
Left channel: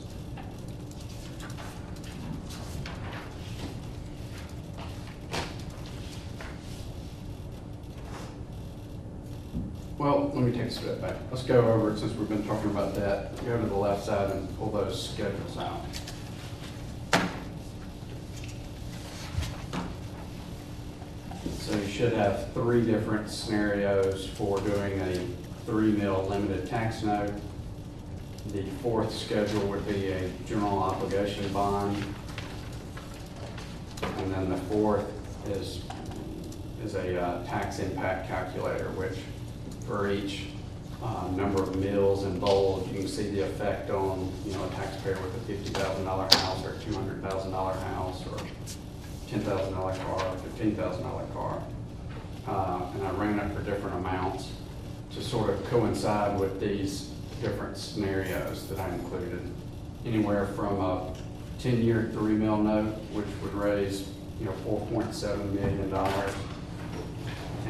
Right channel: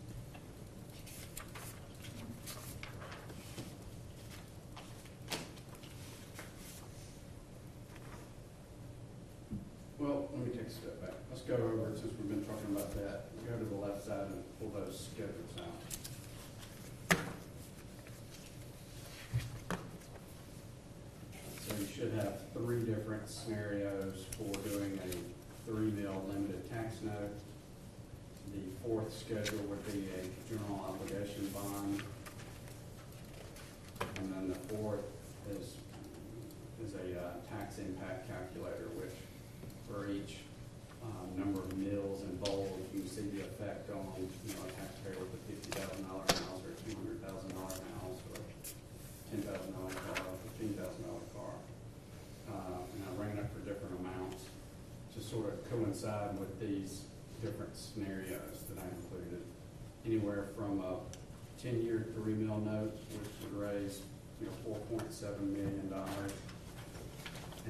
Well, let me take a step back. Let's go over it since we've been talking about that. Go to the left side and pull those schedules out. So you should have 3 different scenarios for doing a 3 mil limited tax note. The 4th schedule would be a general obligation bond. And then the 4th is a tax impact calculator, which for each number of mills and bowls, you can see the effect on, you know, a taxpayer with a $50,000 house or a $200,000 house or $10,000 car, $15,000 car. And I ran it for different amounts to sort of coincide with these different scenarios that I included. Anywhere from a 10-year 3 mil note, which would raise, you know, $4.7 million.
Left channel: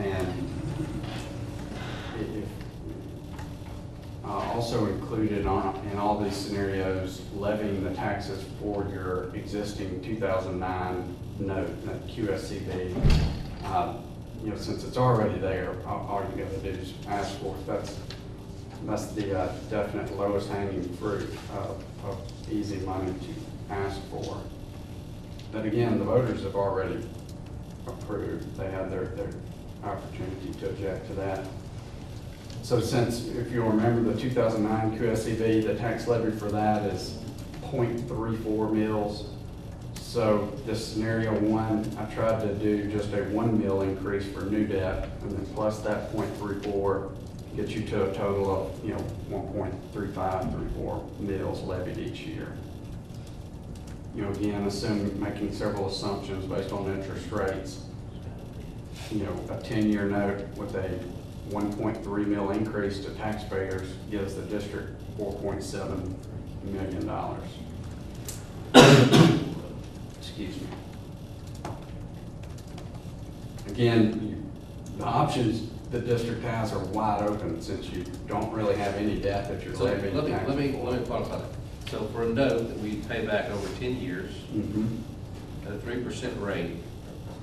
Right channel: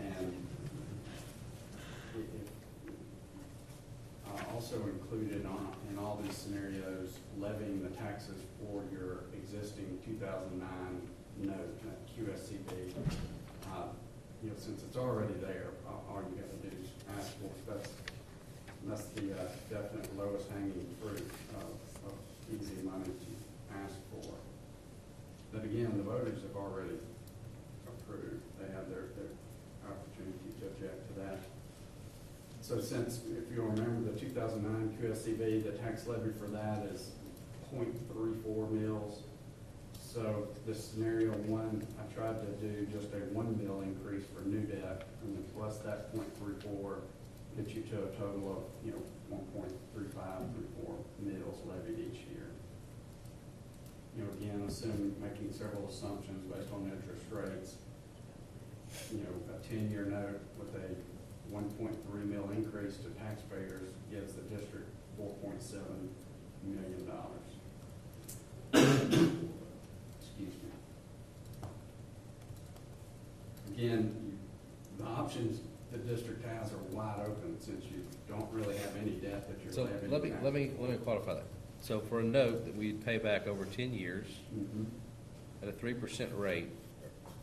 And also included in all these scenarios, levying the taxes for your existing 2009 note, that QSCB. You know, since it's already there, all you gotta do is ask for it. That's the definite lowest hanging fruit of easy money to ask for. But again, the voters have already approved. They had their opportunity to object to that. So since, if you'll remember, the 2009 QSCB, the tax levy for that is 0.34 mils. So this scenario 1, I tried to do just a 1 mil increase for new debt, and then plus that 0.34 gets you to a total of, you know, 1.3534 mils levied each year. You know, again, making several assumptions based on interest rates. You know, a 10-year note with a 1.3 mil increase to taxpayers gives the district $4.7 million. Excuse me. Again, the options the district has are wide open since you don't really have any debt that you're So levying. let me qualify that. So for a note that we pay back over 10 years, Mhm. at a 3% rate,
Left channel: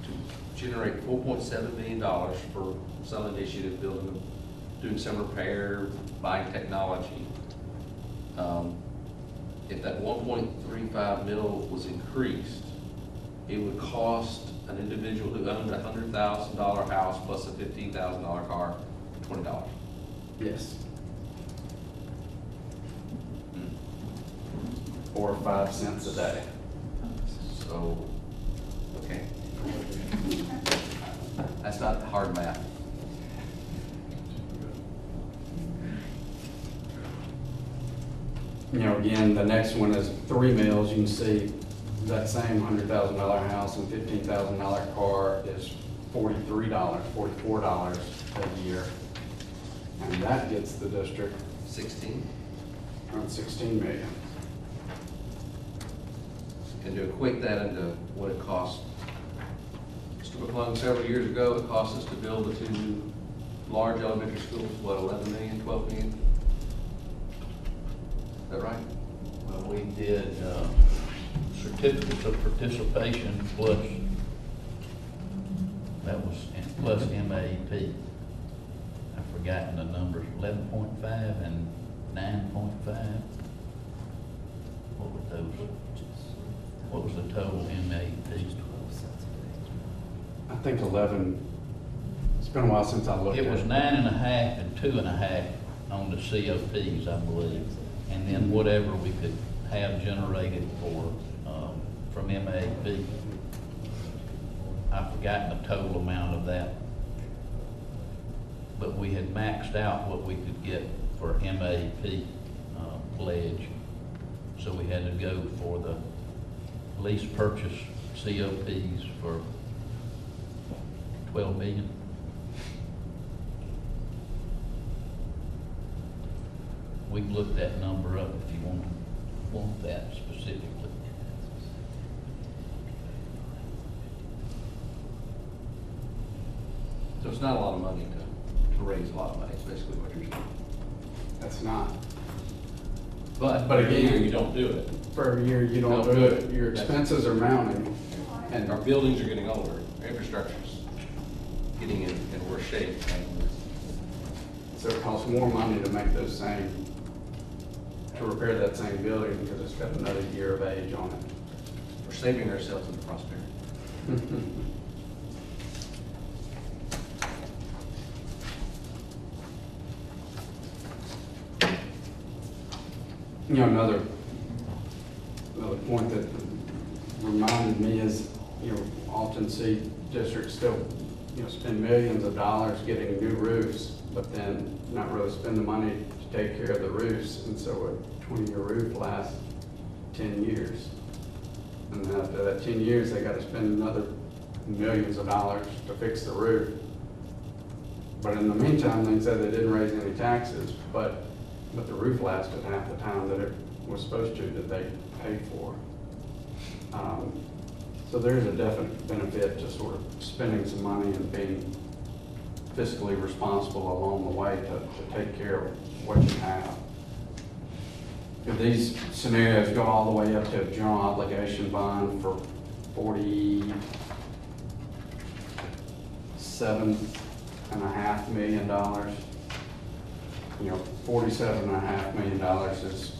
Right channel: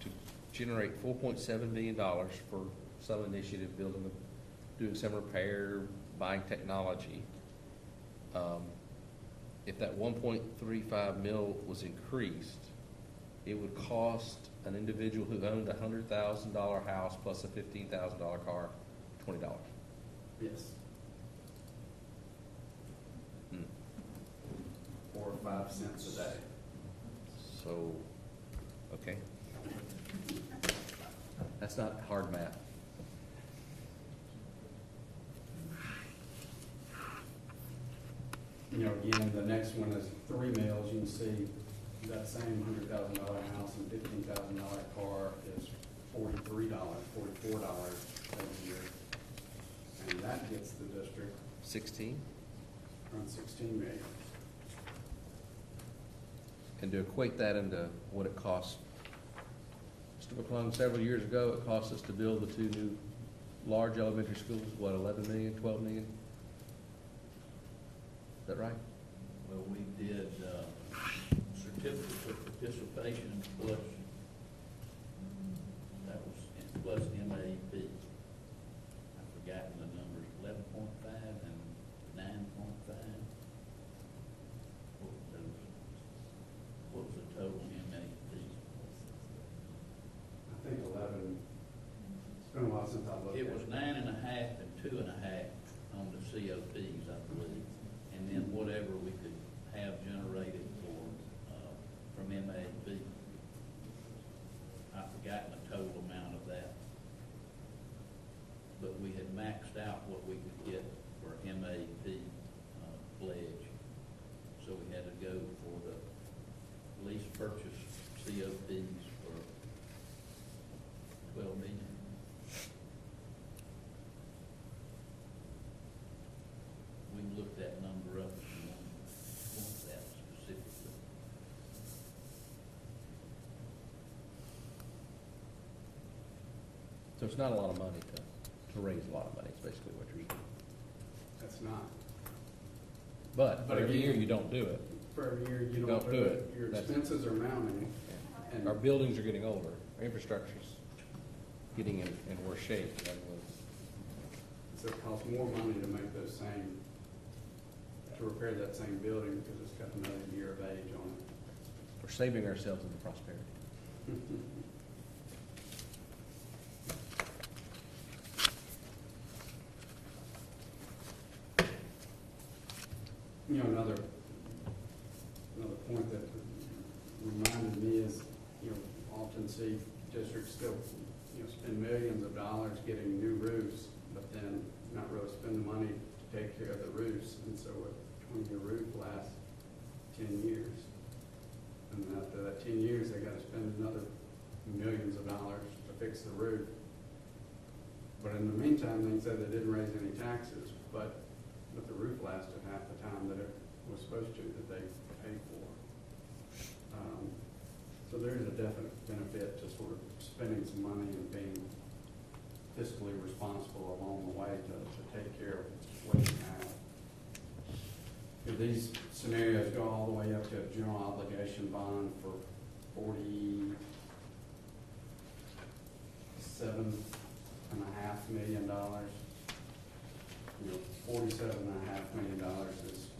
to generate $4.7 million for some initiative, building, doing some repair, buying technology. If that 1.35 mil was increased, it would cost an individual who owned a $100,000 house plus a $15,000 car, $20. Yes. 4 or 5 cents a day. So, okay. That's not hard math. You know, again, the next one is 3 mils. You can see that same $100,000 house and $15,000 car is $43, $44 a year. And that gets the district 16. around 16 million. And to equate that into what it cost, Speciall several years ago, it cost us to build the 2 large elementary schools, what, 11 million, 12 million? Is that right? Well, we did certificates of participation plus, that was, plus MAP. I've forgotten the numbers, 11.5 and 9.5. What were those? What was the total MAP? I think 11, it's been a while since I looked at it. It was 9.5 and 2.5 on the COPs, I believe. And then whatever we could have generated for, from MAP. I've forgotten the total amount of that. But we had maxed out what we could get for MAP pledge. So we had to go for the lease purchase COPs for 12 million. We can look that number up if you want that specifically. So it's not a lot of money to raise a lot of money, is basically what you're saying. That's not. But again, you don't do it. For a year, you don't do it. Your expenses are mounting. And our buildings are getting older, our infrastructure's getting in worse shape. And So it costs more money to make those same, to repair that same building because it's got another year of age on it. We're saving ourselves in the prosperity. You know, another point that reminded me is, you know, often see districts still, you know, spend millions of dollars getting new roofs, but then not really spend the money to take care of the roofs, and so a 20-year roof lasts 10 years. And then after that 10 years, they gotta spend another millions of dollars to fix the roof. But in the meantime, they said they didn't raise any taxes, but the roof lasted half the time that it was supposed to, that they paid for. So there's a definite benefit to sort of spending some money and being fiscally responsible along the way to take care of what you have. If these scenarios go all the way up to a general obligation bond for $47.5 million, you know, $47.5 million is,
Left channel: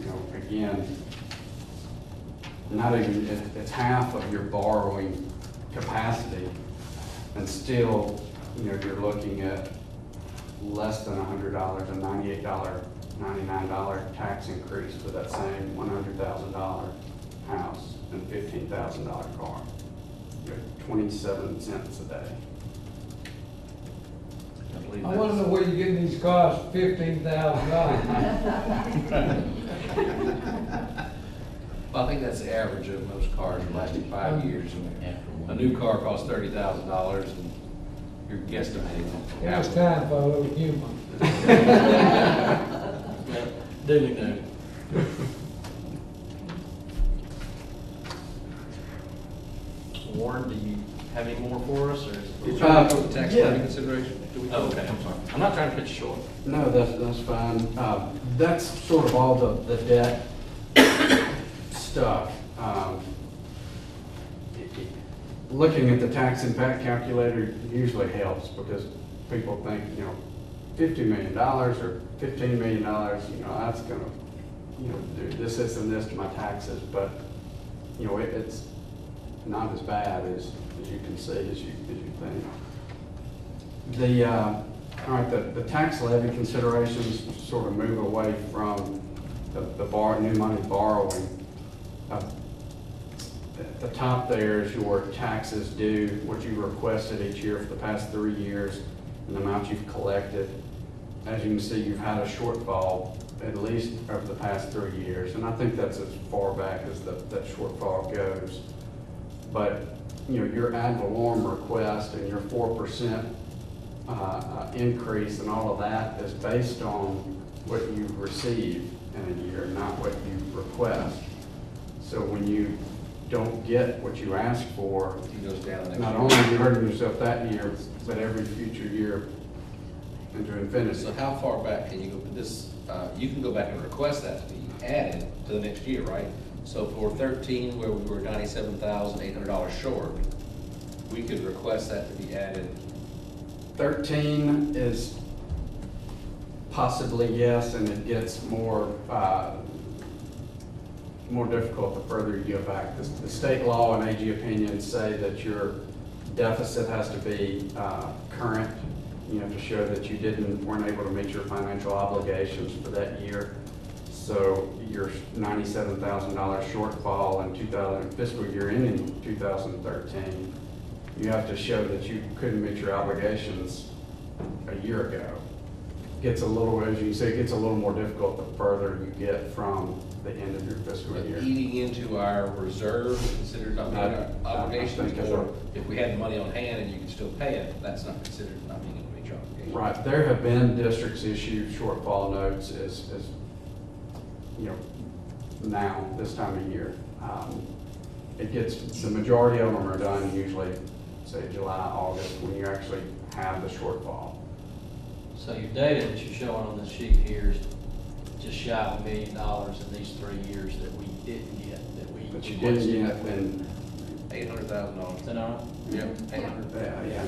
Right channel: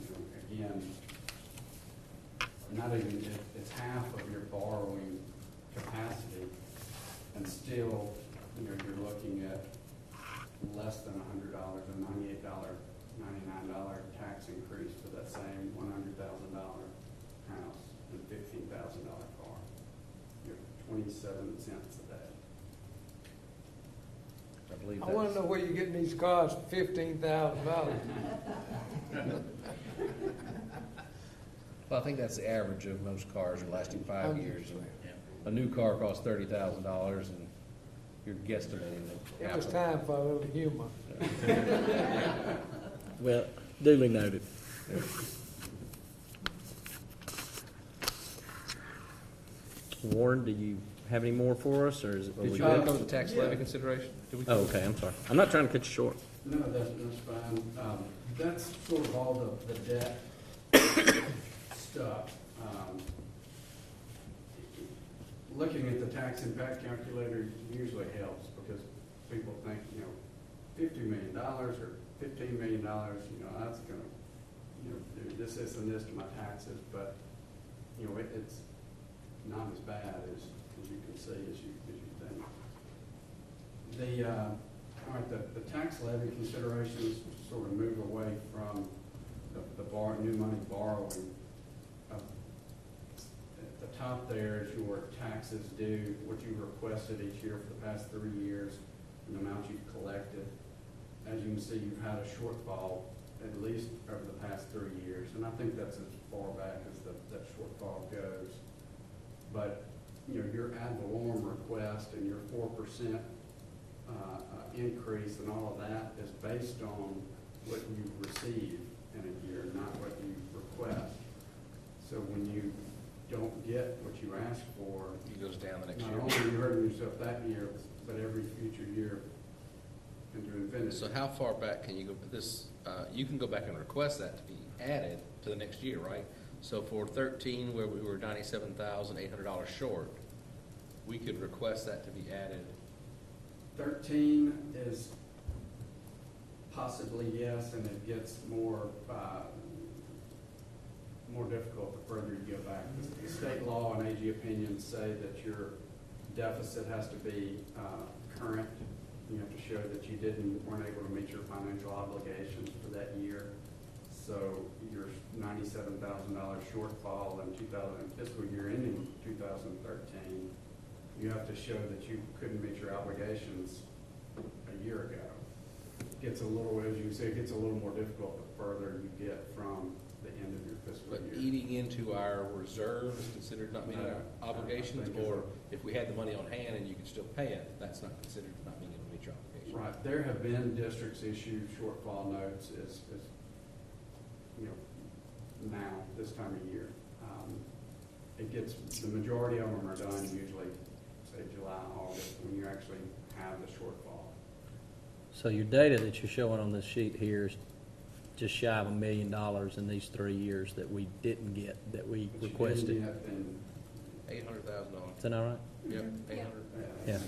you know, again, not even, it's half of your borrowing capacity, and still, you know, you're looking at less than $100, a $99 tax increase for that same $100,000 house and $15,000 car. You're 27 cents a day. I wanna know where you're getting these cars for $15,000. Well, I think that's the average of most cars in the last 5 years. A new car costs $30,000 and you're guesstimating. Now it's time for a little humor. Well, duly noted. Warren, do you have any more for us, or? Did you want to go to tax levy consideration? Oh, okay, I'm sorry. I'm not trying to cut you short. No, that's fine. That's sort of all the debt stuff. Looking at the tax impact calculator usually helps because people think, you know, $50 million or $15 million, you know, that's gonna, you know, do this, this, and this to my taxes, but, you know, it's not as bad as you can see, as you think. All right, the tax levy considerations sort of move away from the new money borrowing. At the top there is your taxes due, what you requested each year for the past 3 years, and the amount you've collected. As you can see, you've had a shortfall at least over the past 3 years, and I think that's as far back as that shortfall goes. But, you know, your ad valorem request and your 4% increase and all of that is based on what you receive in a year, not what you request. So when you don't get what you ask for, It goes down next not year. only are you hurting yourself that year, but every future year into infinity. So how far back can you, you can go back and request that to be added to the next year, right? So for 13, where we were $97,800 short, we could request that to be added. 13 is possibly yes, and it gets more difficult the further you go back. The state law and AG opinions say that your deficit has to be current, you know, to show that you weren't able to meet your financial obligations for that year. So your $97,000 shortfall in fiscal year ending 2013, you have to show that you couldn't meet your obligations a year ago. Gets a little, as you can see, it gets a little more difficult the further you get from the end of your fiscal But year. eating into our reserve considered not meeting our obligations, or if we had money on hand and you could still pay it, that's not considered not meeting your obligations. Right, there have been districts issue shortfall notes as you know, now, this time of year. It gets, the majority of them are done usually, say, July, August, when you actually have the shortfall. So your data that you're showing on the sheet here is just shy of $1 million in these 3 years that we didn't get, that we. But you didn't get, then, $800,000. Is that all right? Yep, 800. yeah.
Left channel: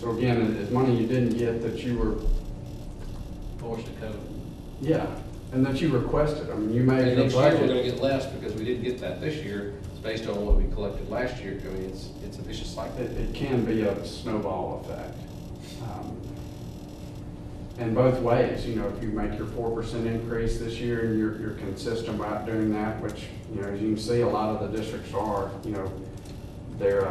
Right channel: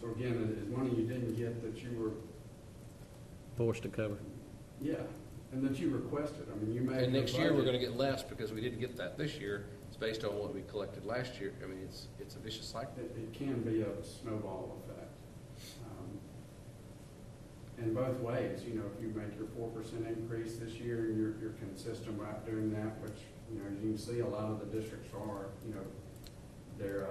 So again, it's money you didn't get that you were, Forced to cover. yeah, and that you requested. I mean, you made And your next year, we're budget. gonna get less because we didn't get that this year. It's based on what we collected last year. I mean, it's a vicious cycle. It can be a snowball effect. And both ways, you know, if you make your 4% increase this year and you're consistent about doing that, which, you know, as you can see, a lot of the districts are, you know, their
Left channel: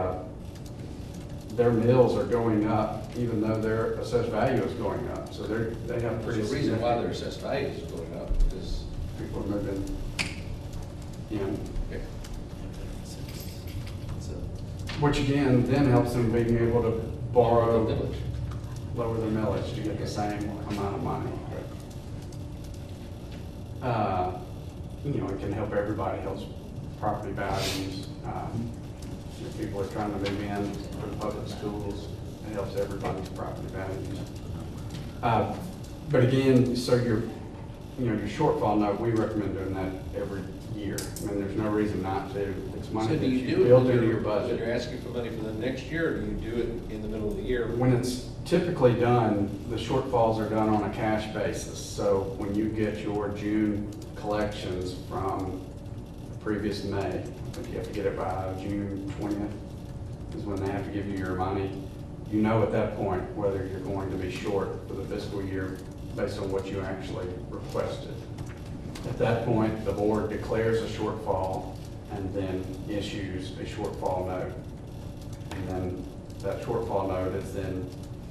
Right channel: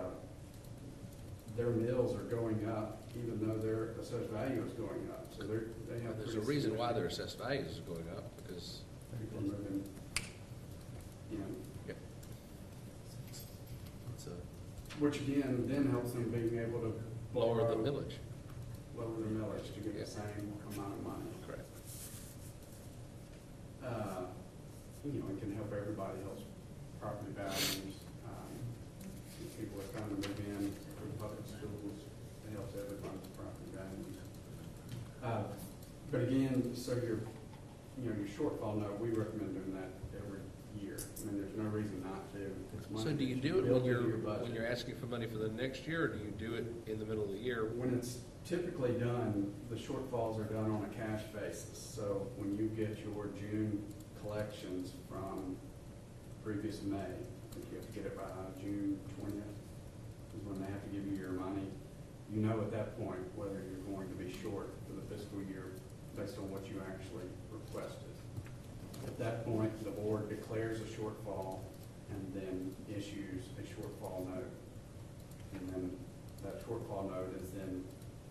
mills are going up even though their assessed value is going up. So they have There's pretty a reason why their significant, assessed values is going up, because people are moving in. Which again, then helps them being able to borrow, lower the millage to get the same amount of money. You know, it can help everybody, helps property values. If people are trying to move in for the public schools, it helps everybody's property values. But again, so your shortfall note, we recommend doing that every year. I mean, there's no reason not to. It's money So that do you you do it built when into your you're budget. asking for money for the next year, or do you do it in the middle of the year? When it's typically done, the shortfalls are done on a cash basis. So when you get your June collections from the previous May, I think you have to get it by June 20th is when they have to give you your money. You know at that point whether you're going to be short for the fiscal year based on what you actually requested. At that point, the board declares a shortfall and then issues a shortfall note. And then that shortfall note is then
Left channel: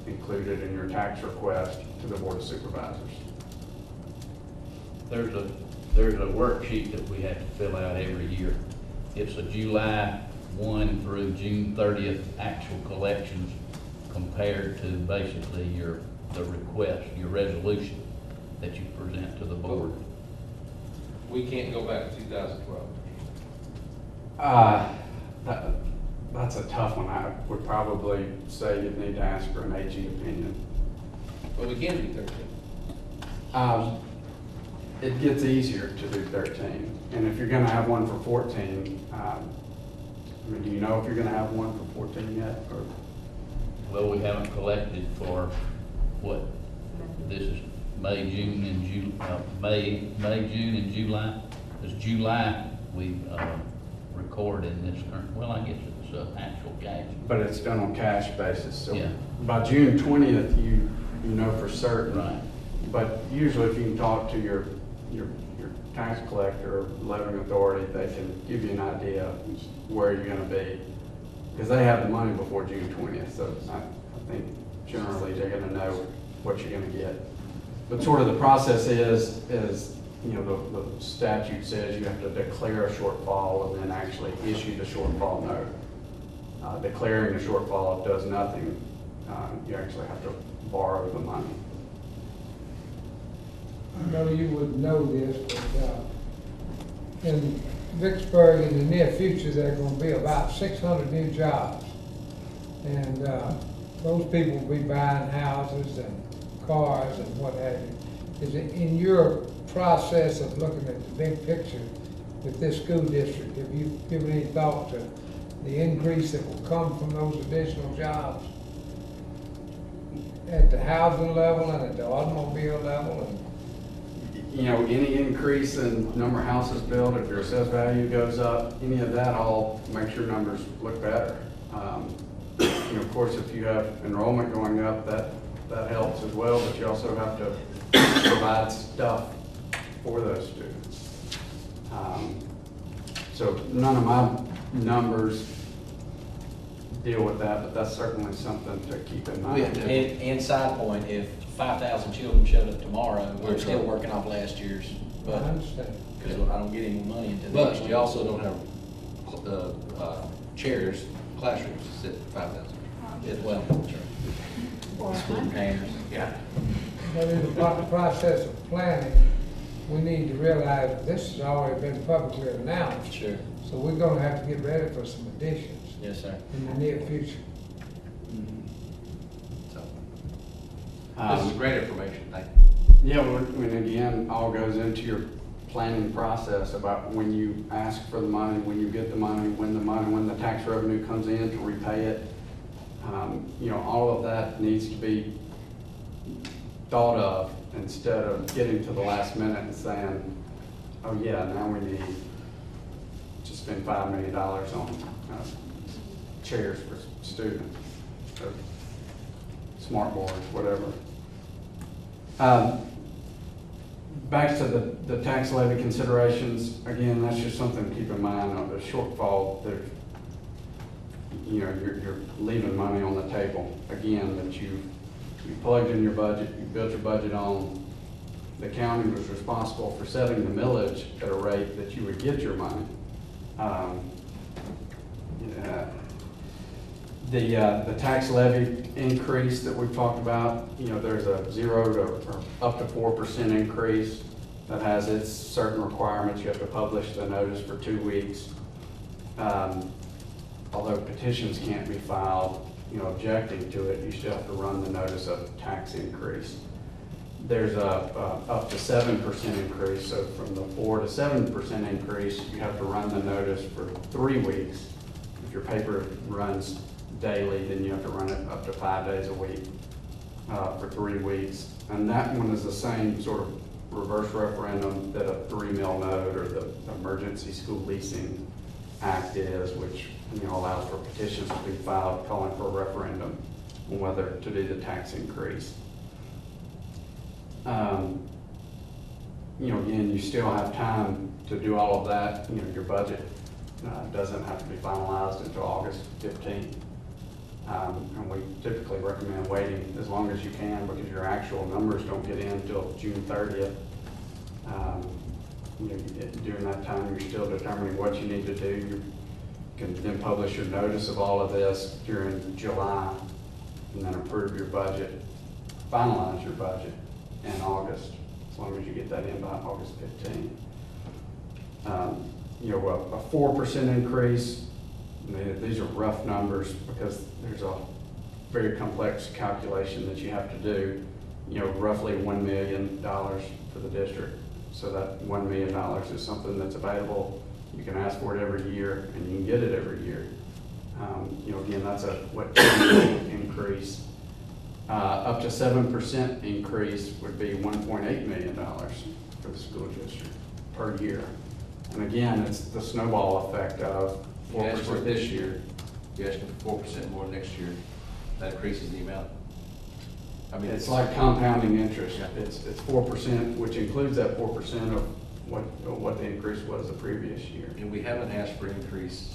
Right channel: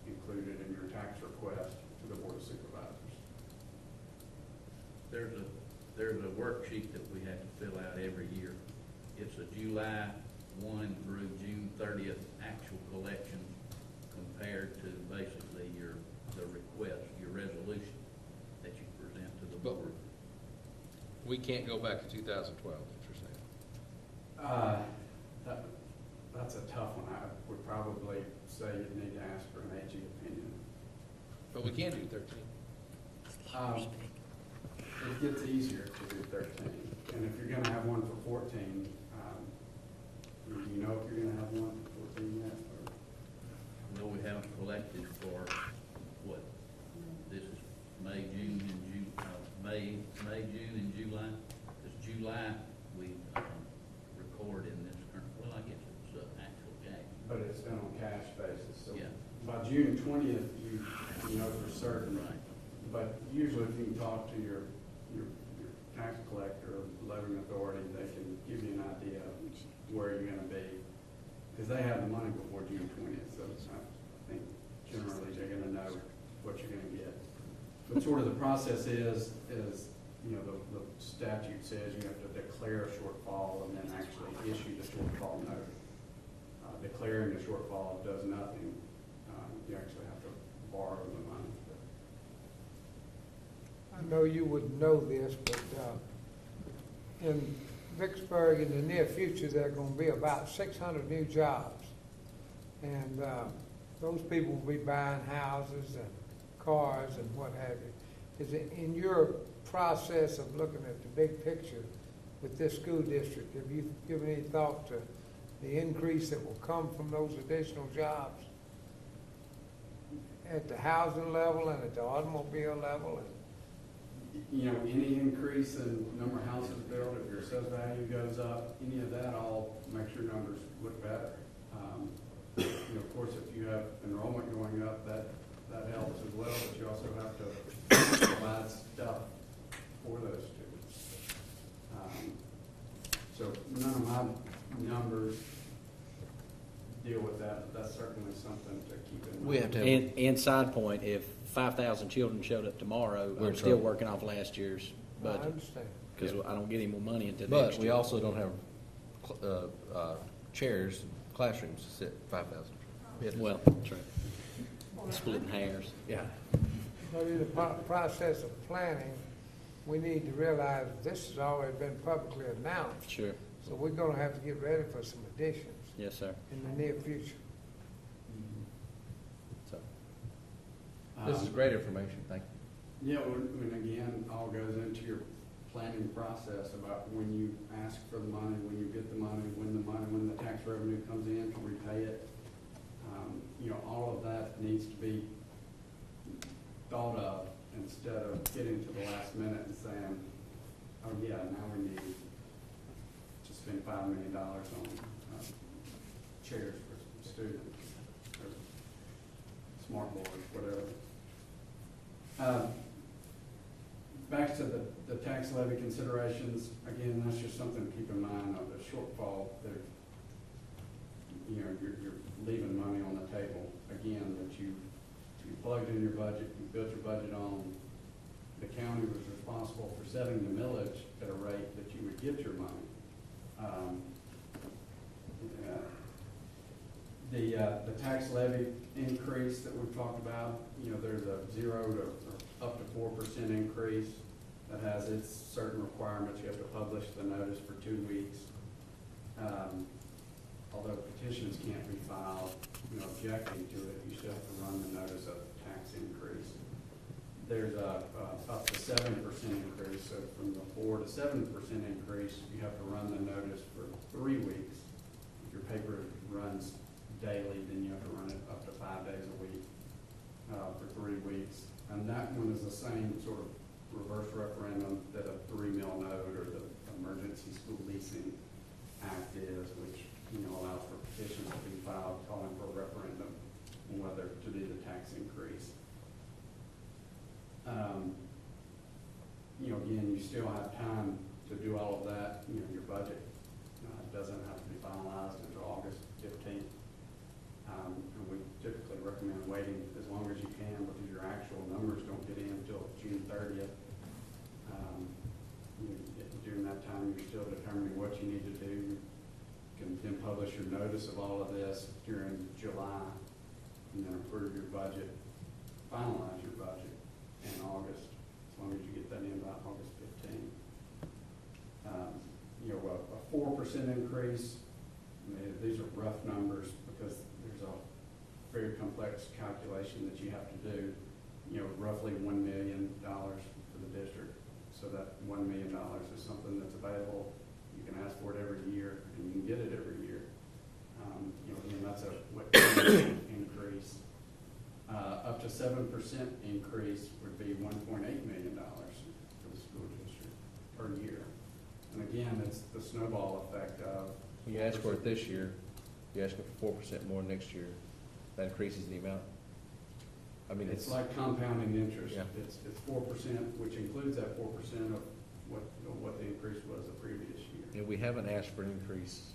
included in your tax request to the Board of Supervisors. There's a worksheet that we have to fill out every year. It's a July 1 through June 30th actual collections compared to basically the request, your resolution that you present to the board. We can't go back to 2012. That's a tough one. I would probably say you'd need to ask for an AG opinion. Well, we can do 13. It gets easier to do 13. And if you're gonna have one for 14, I mean, do you know if you're gonna have one for 14 yet? Or Well, we haven't collected for what? This is May, June, and July. It's July, we, record in this current, well, I guess it's, actual cash. But it's done on cash basis, so Yeah. by June 20th, you know for certain. Right. But usually if you can talk to your tax collector or levying authority, they can give you an idea of where you're gonna be. Because they have the money before June 20th, so I think generally they're gonna know what you're gonna get. But sort of the process is, you know, the statute says you have to declare a shortfall and then actually issue the shortfall note. Declaring a shortfall does nothing. You actually have to borrow the money. I know you would know this, but, in Vicksburg, in the near future, there are gonna be about 600 new jobs. And, those people will be buying houses and cars and what have you. Is it in your process of looking at the big picture with this school district, have you given any thought to the increase that will come from those additional jobs? At the housing level and at the automobile level and You know, any increase in number of houses built, if your assessed value goes up, any of that all makes your numbers look better. You know, of course, if you have enrollment going up, that helps as well, but you also have to provide stuff for those students. So none of my numbers deal with that, but that's certainly something to keep in mind. And side point, if 5,000 children showed up tomorrow, we're still working off last year's, I but, understand. because I don't get any money into But next we year. also don't have, chairs, classrooms, to sit 5,000. As well. Or Student hangers. Yeah. But in the process of planning, we need to realize this has already been publicly announced. Sure. So we're gonna have to get ready for some additions Yes, sir. in the near future. So, This is great information. Thank you. Yeah, when again, all goes into your planning process about when you ask for the money, when you get the money, when the tax revenue comes in to repay it. You know, all of that needs to be thought of instead of getting to the last minute and saying, oh yeah, now we need to spend $5 million on chairs for students, or smart boards, whatever. Back to the tax levy considerations, again, that's just something to keep in mind of the shortfall. There's, you know, you're leaving money on the table, again, that you plugged in your budget, you built your budget on. The county was responsible for setting the millage at a rate that you would get your money. The tax levy increase that we've talked about, you know, there's a 0 to or up to 4% increase that has its certain requirements. You have to publish the notice for 2 weeks. Although petitions can't be filed, you know, objecting to it, you still have to run the notice of tax increase. There's a up to 7% increase, so from the 4 to 7% increase, you have to run the notice for 3 weeks. If your paper runs daily, then you have to run it up to 5 days a week for 3 weeks. And that one is the same sort of reverse referendum that a 3 mil note or the Emergency School Leasing Act is, which, you know, allows for petitions to be filed calling for a referendum on whether to do the tax increase. You know, again, you still have time to do all of that. You know, your budget doesn't have to be finalized until August 15th. And we typically recommend waiting as long as you can because your actual numbers don't get in until June 30th. You know, during that time, you're still determining what you need to do. You can then publish your notice of all of this during July and then approve your budget, finalize your budget in August, as long as you get that in by August 15th. You know, a 4% increase, these are rough numbers because there's a very complex calculation that you have to do. You know, roughly $1 million for the district. So that $1 million is something that's available. You can ask for it every year and you can get it every year. You know, again, that's a increase. Up to 7% increase would be $1.8 million for the school district per year. And again, it's the snowball effect of You asked for it this year, you asked for 4% more next year, that increases the amount. I mean, it's like compounding interest. It's 4%, which includes that 4% of what the increase was the previous year. And we haven't asked for increase,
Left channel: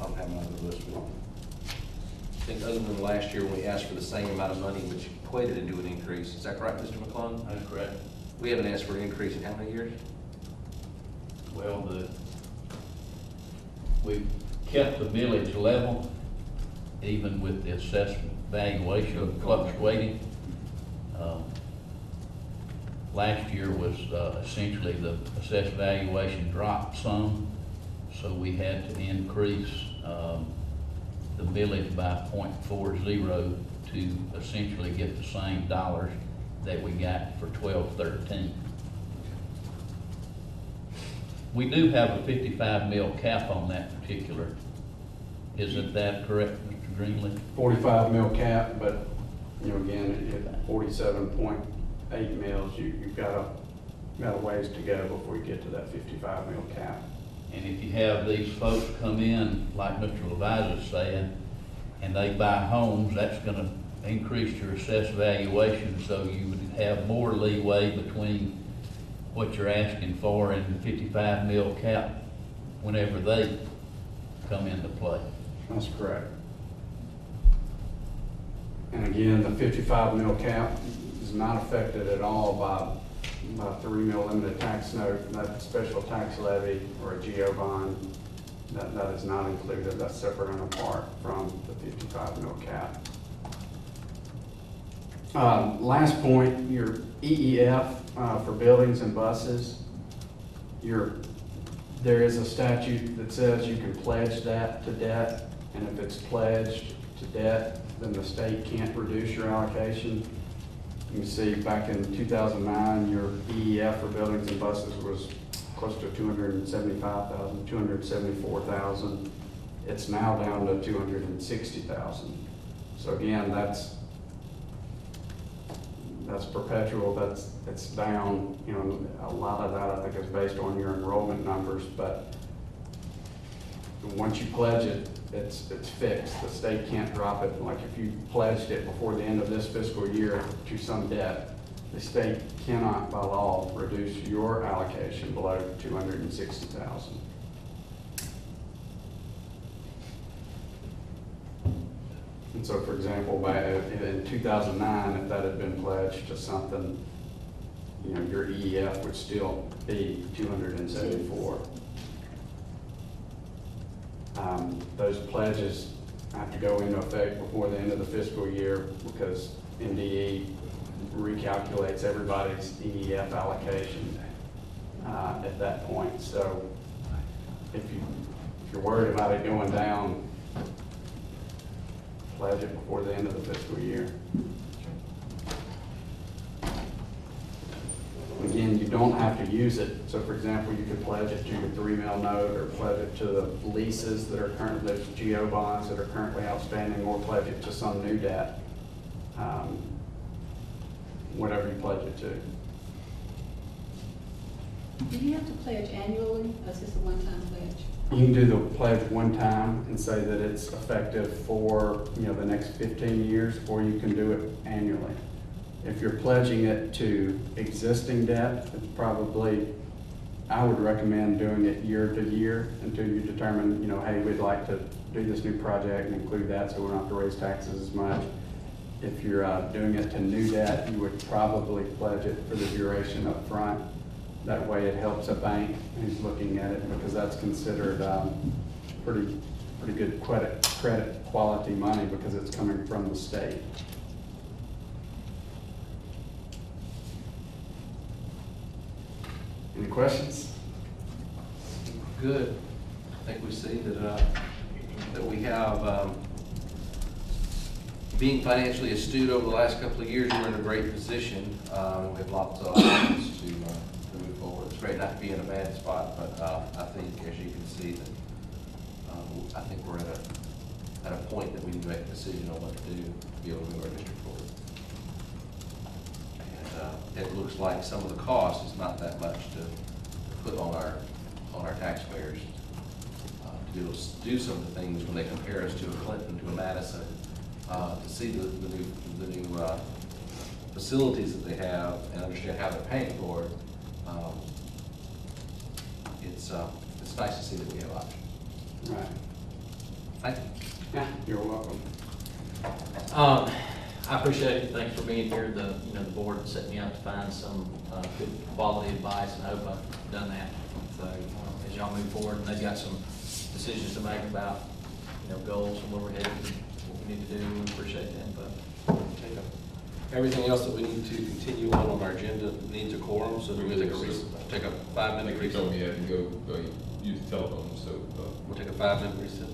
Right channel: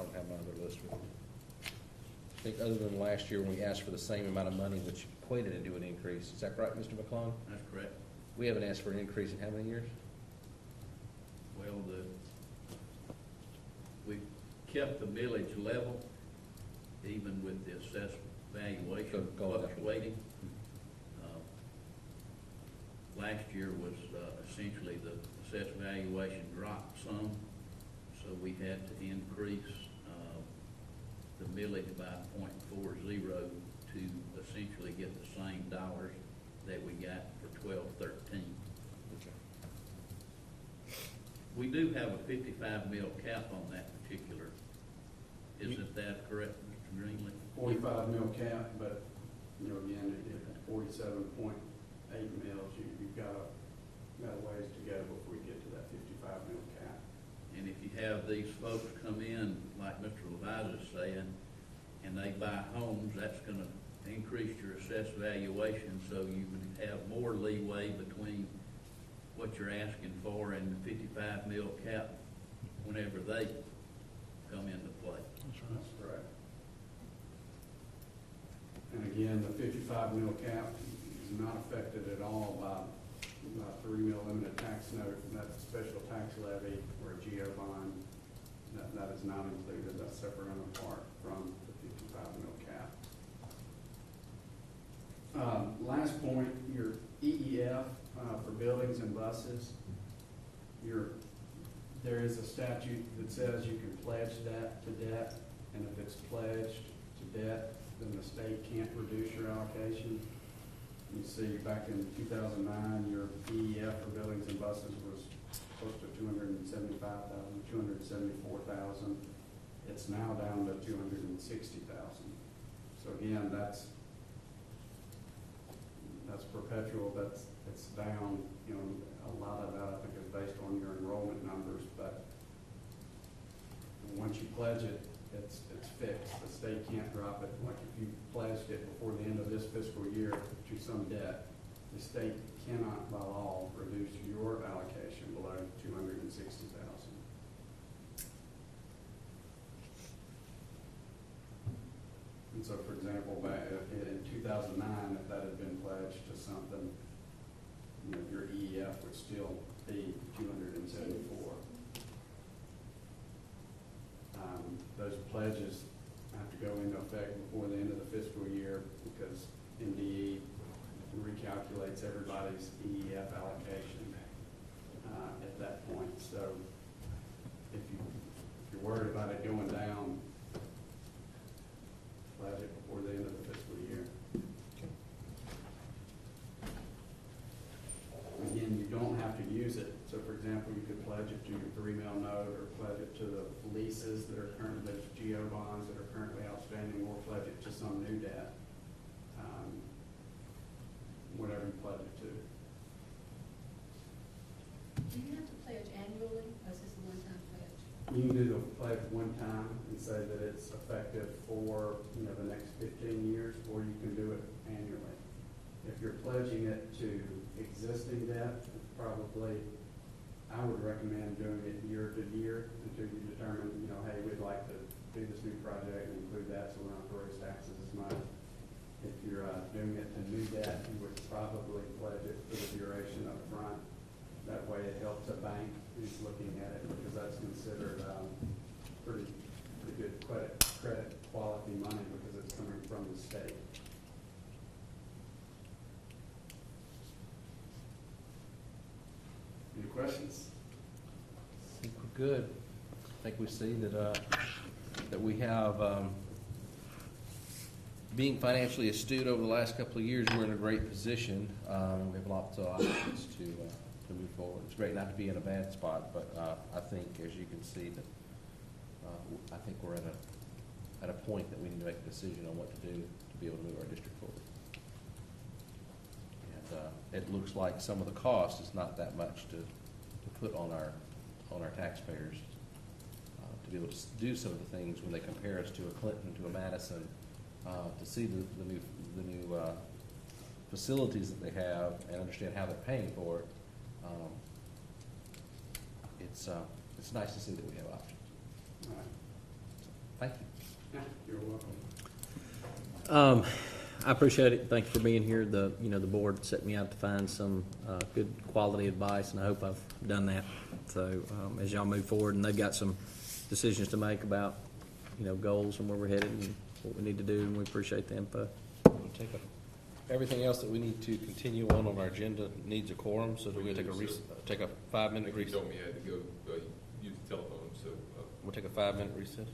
I'll have my other list. I think other than last year when we asked for the same amount of money, which equated to an increase. Is that right, Mr. McClung? That's correct. We haven't asked for an increase in how many years? Well, we kept the village level, even with the assessment valuation fluctuating. Last year was essentially the assessed valuation dropped some, so we had to increase the village by 0.40 to essentially get the same dollars that we got for 12-13. We do have a 55 mil cap on that particular. Isn't that correct, Mr. Greenlee? 45 mil cap, but you know, again, at 47.8 mils, you've got a ways to go before you get to that 55 mil cap. And if you have these folks come in, like Mr. Levi's is saying, and they buy homes, that's gonna increase your assessed valuation, so you would have more leeway between what you're asking for and the 55 mil cap whenever they come into play. That's correct. And again, the 55 mil cap is not affected at all by 3 mil limited tax note, that special tax levy or a GO bond. That is not included. That's separate and apart from the 55 mil cap. Last point, your EEF for buildings and buses. There is a statute that says you can pledge that to debt, and if it's pledged to debt, then the state can't reduce your allocation. You can see back in 2009, your EEF for buildings and buses was close to $275,000, $274,000. It's now down to 260,000. So again, that's perpetual, it's down, you know, a lot of that I think is based on your enrollment numbers, but once you pledge it, it's fixed. The state can't drop it. Like if you pledged it before the end of this fiscal year to some debt, the state cannot by law reduce your allocation below 260,000. And so, for example, in 2009, if that had been pledged to something, you know, your EEF would still be 274. Those pledges have to go into effect before the end of the fiscal year because NDE recalculates everybody's EEF allocation at that point. So if you're worried about it going down, pledge it before the end of the fiscal year. Again, you don't have to use it. So for example, you could pledge it to your 3 mil note or pledge it to the leases that are currently, those GO bonds that are currently outstanding, or pledge it to some new debt. Whatever you pledge it to. Do you have to pledge annually, or is this a one-time pledge? You can do the pledge one time and say that it's effective for, you know, the next 15 years, or you can do it annually. If you're pledging it to existing debt, it's probably, I would recommend doing it year to year until you determine, you know, hey, we'd like to do this new project and include that so we don't have to raise taxes as much. If you're doing it to new debt, you would probably pledge it for the duration up front. That way it helps a bank who's looking at it because that's considered pretty good credit quality money because it's coming from the state. Any questions? Good. I think we see that we have, being financially astute over the last couple of years, we're in a great position. With lots of options to move forward. It's great not to be in a bad spot, but I think, as you can see, that I think we're at a point that we can make a decision on what to do to be able to move our district forward. And it looks like some of the cost is not that much to put on our taxpayers to be able to do some of the things when they compare us to a Clinton, to a Madison, to see the new facilities that they have and understand how they're paying for it. It's nice to see that we have options. Right. Thank you. Yeah, you're welcome. I appreciate it. Thanks for being here. The board set me out to find some good quality advice, and I hope I've done that. So as y'all move forward, and they've got some decisions to make about goals and where we're headed and what we need to do, and we appreciate the input. Everything else that we need to continue on our agenda needs a quorum, so we're going to take a 5-minute He recess. told me you had to go use the telephone, so We'll take a 5-minute recess.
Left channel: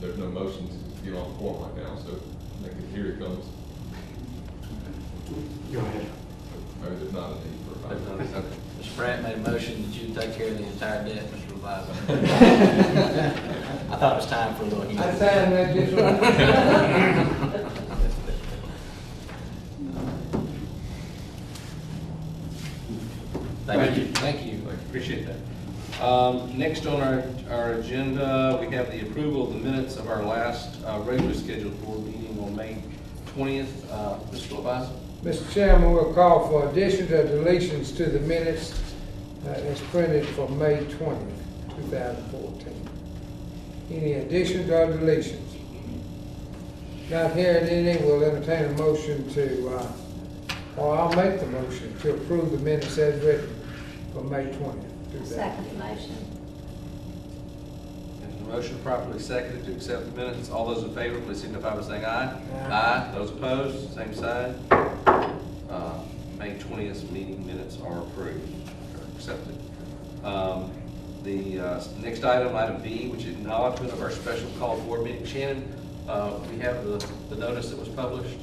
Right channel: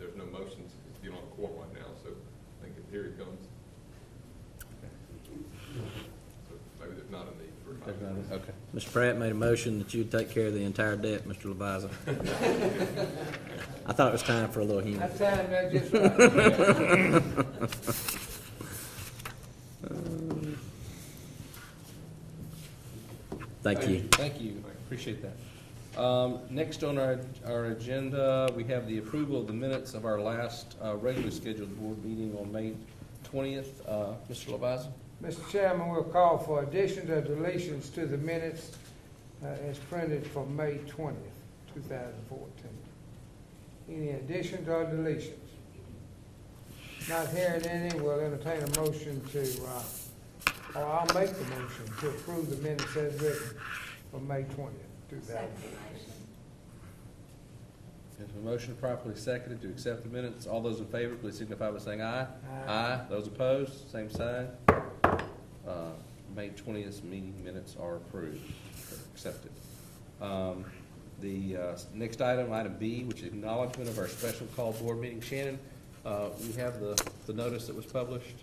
there's no motion to get on the floor right now, so here it comes. Go ahead. Maybe there's not a need for a 5 minutes. Okay. Mr. Pratt made a motion that you take care of the entire debt, Mr. Revisor. I thought it was time for a little. I signed that just right. Thank you. Thank you, I appreciate that. Next on our agenda, we have the approval of the minutes of our last regularly scheduled board meeting on May 20th. Mr. Leviza? Mr. Chairman, we'll call for additions or deletions to the minutes as printed for May 20th, 2014. Any additions or deletions? Not hearing any, we'll entertain a motion to, or I'll make the motion to approve the minutes as written for May 20th, 2014. Second motion. There's a motion properly seconded to accept the minutes. All those in favor, please signify by saying aye. Aye. Those opposed, same sign. May 20th meeting minutes are approved, or accepted. The next item, item B, which is acknowledgement of our special call board meeting. Shannon, we have the notice that was published.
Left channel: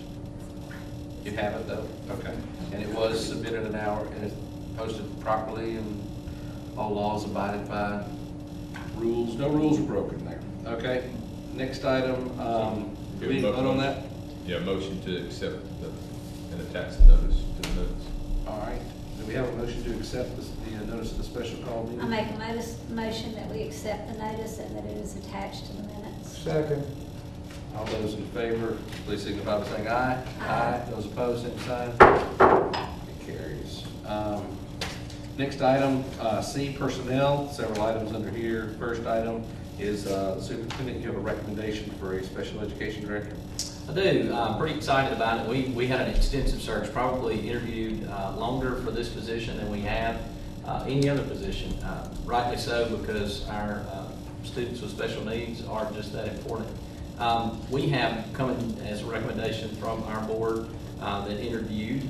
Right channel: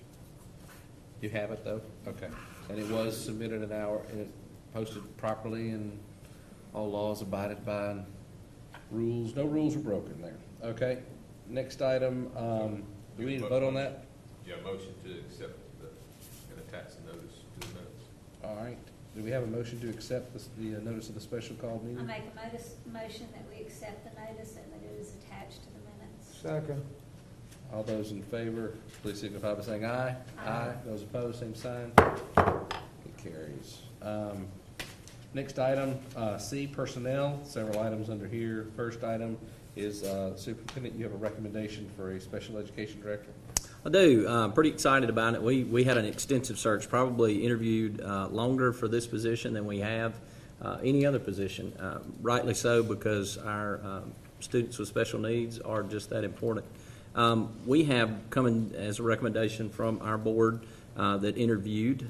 You have it though? Okay. And it was submitted and it's posted properly and all laws abided by? rules, no rules are broken there. Okay, next item, do we need to vote on that? Yeah, motion to accept and attach the notice to the minutes. All right, do we have a motion to accept the notice of the special call I meeting? make a motion that we accept the notice and that it is attached to the minutes. Second. All those in favor, please signify by saying aye. Aye. Those opposed, same sign. It carries. Next item, C, personnel, several items under here. First item is superintendent, you have a recommendation for a special education director? I do, pretty excited about it. We had an extensive search, probably interviewed longer for this position than we have any other position. Rightly so, because our students with special needs are just that important. We have come in as a recommendation from our board that interviewed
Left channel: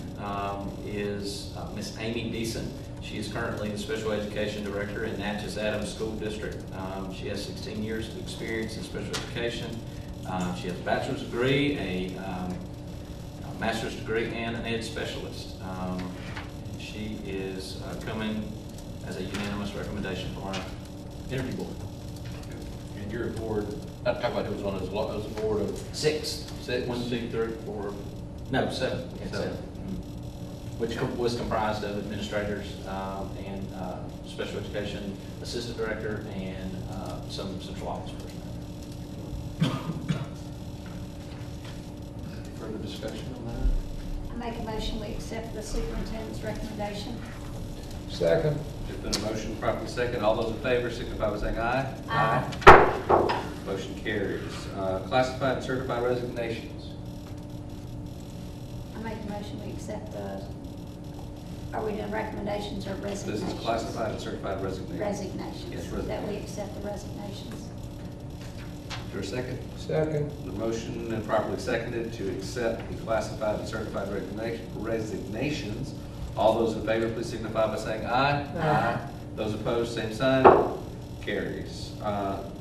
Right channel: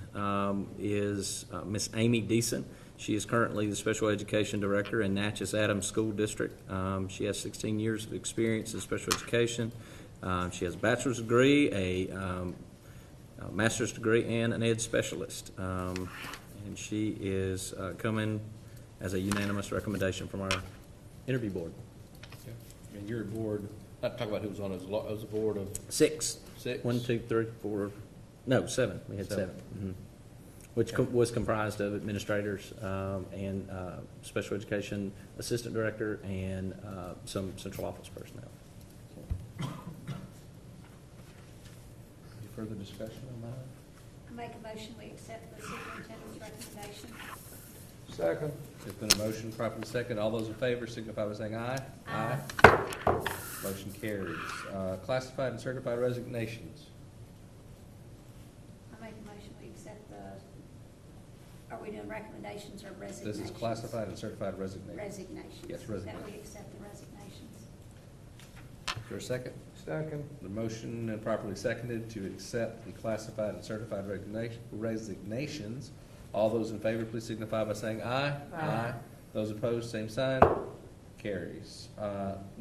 is Miss Amy Deason. She is currently the special education director in Natchez Adams School District. She has 16 years of experience in special education. She has a bachelor's degree, a master's degree, and an ed specialist. And she is coming as a unanimous recommendation from our interview board. And your board, not talk about who was on his board of Six. six? 1, 2, 3, 4. No, seven. Seven. Which was comprised of administrators and special education assistant director and some central office personnel. Further discussion on I make a motion we accept the superintendent's recommendation. Second. that? The motion properly second. All those in favor signify by saying aye. Aye. Motion carries. Classified and certified resignations. I make a motion we accept are we doing recommendations or This resignations? is classified and certified resignations. Resignations. Yes, That we resignations. accept the resignations. Is there a second? Second. The motion and properly seconded to accept the classified and certified resignations. All those in favor, please signify by saying aye. Aye. Those opposed, same sign. Carries.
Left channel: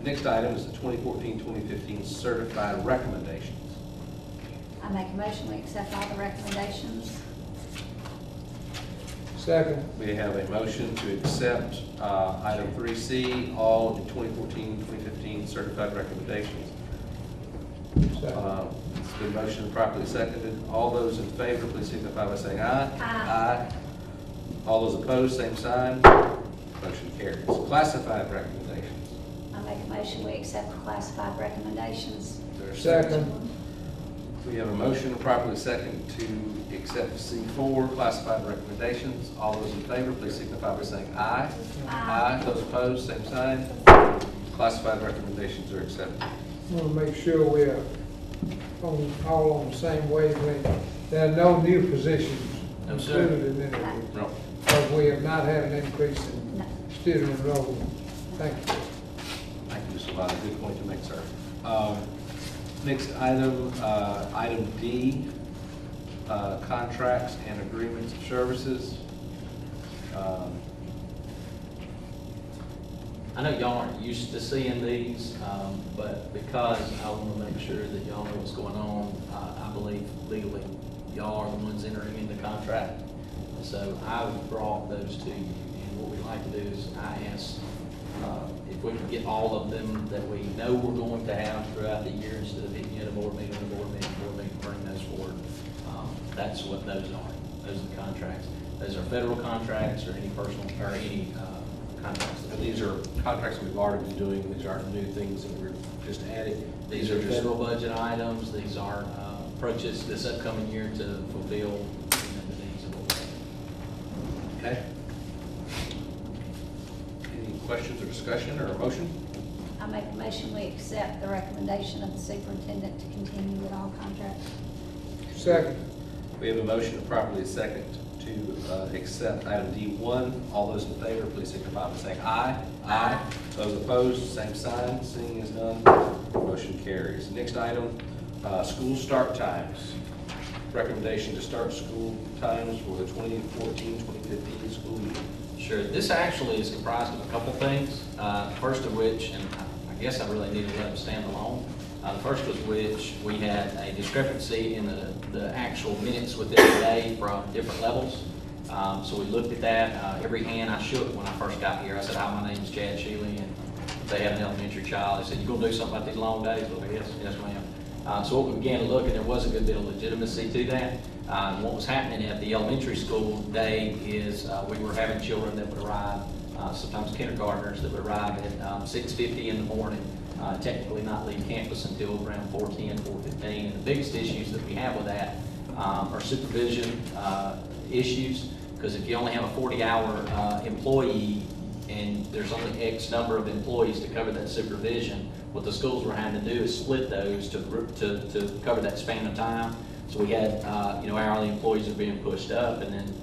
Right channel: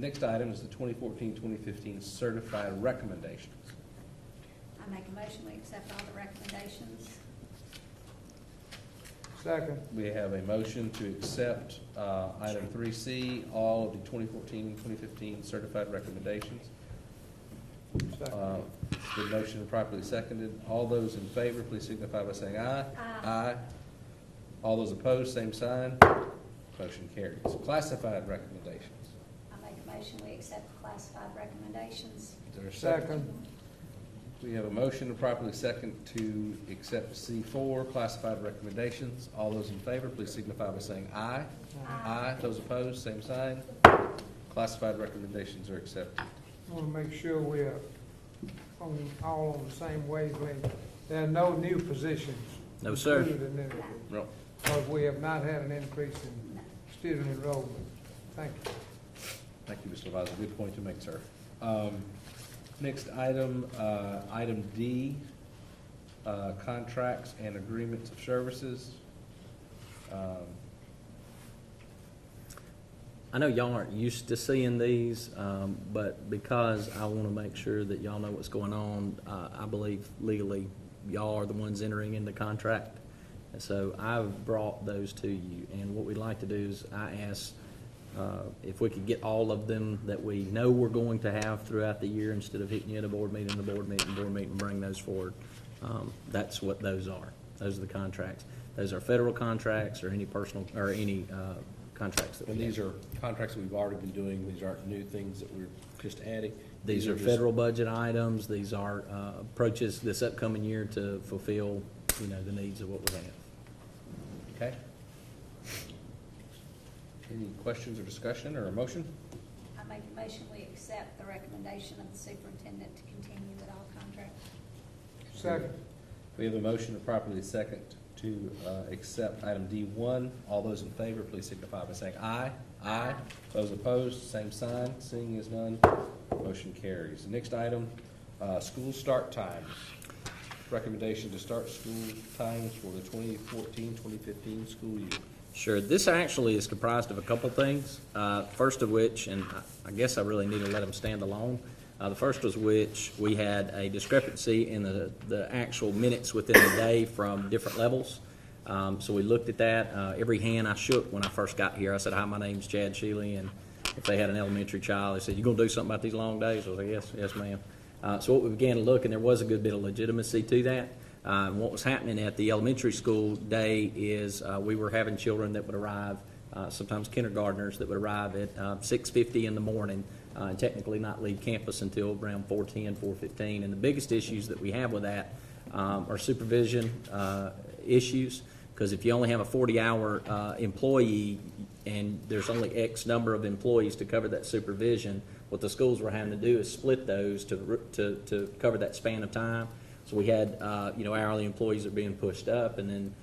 Next item is the 2014-2015 certified recommendations. I make a motion we accept all the recommendations. Second. We have a motion to accept item 3C, all of the 2014-2015 certified recommendations. The motion properly seconded. All those in favor, please signify by saying aye. Aye. All those opposed, same sign. Motion carries. Classified recommendations. I make a motion we accept the classified recommendations. Is there a Second. We have a motion properly second to accept C4, classified recommendations. All those in favor, please signify by saying aye. Aye. Those opposed, same sign. Classified recommendations are accepted. I want to make sure we're all on the same wavelength. There are no new positions. No, sir. included in it, No. because we have not had an increase in No. student enrollment. Thank you. Thank you, Mr. Lyon. Good point to make, sir. Next item, item D, contracts and agreements of services. I know y'all aren't used to seeing these, but because I want to make sure that y'all know what's going on, I believe legally y'all are the ones entering in the contract. So I brought those to you, and what we'd like to do is I asked if we could get all of them that we know we're going to have throughout the year instead of picking in a board meeting, board meeting, bring those forward. That's what those are. Those are the contracts. Those are federal contracts or any personal, or any contracts. And these are contracts that we've already been doing. These aren't new things that we're just adding. These are just- federal budget items, these are approaches this upcoming year to fulfill the needs of what we have. Okay. Any questions or discussion or a motion? I make a motion we accept the recommendation of the superintendent to continue with all contracts. Second. We have a motion to properly second to accept item D1. All those in favor, please signify by saying aye. Aye. Those opposed, same sign. Seeing as none, motion carries. Next item, school start times. Recommendation to start school times for the 2014-2015 school year. Sure, this actually is comprised of a couple things, first of which, and I guess I really need to let them stand alone. First was which we had a discrepancy in the actual minutes within the day from different levels. So we looked at that. Every hand I shook when I first got here, I said, hi, my name's Chad Shealy, and they have an elementary child, they said, you gonna do something about these long days? Well, yes, yes, ma'am. So what we began to look, and there was a good bit of legitimacy to that. What was happening at the elementary school day is, we were having children that would arrive, sometimes kindergartners that would arrive at 6:50 in the morning, technically not leave campus until around 4:10, 4:15. And the biggest issues that we have with that are supervision issues, because if you only have a 40-hour employee and there's only X number of employees to cover that supervision, what the schools were having to do is split those to cover that span of time. So we had, hourly employees are being pushed up, and then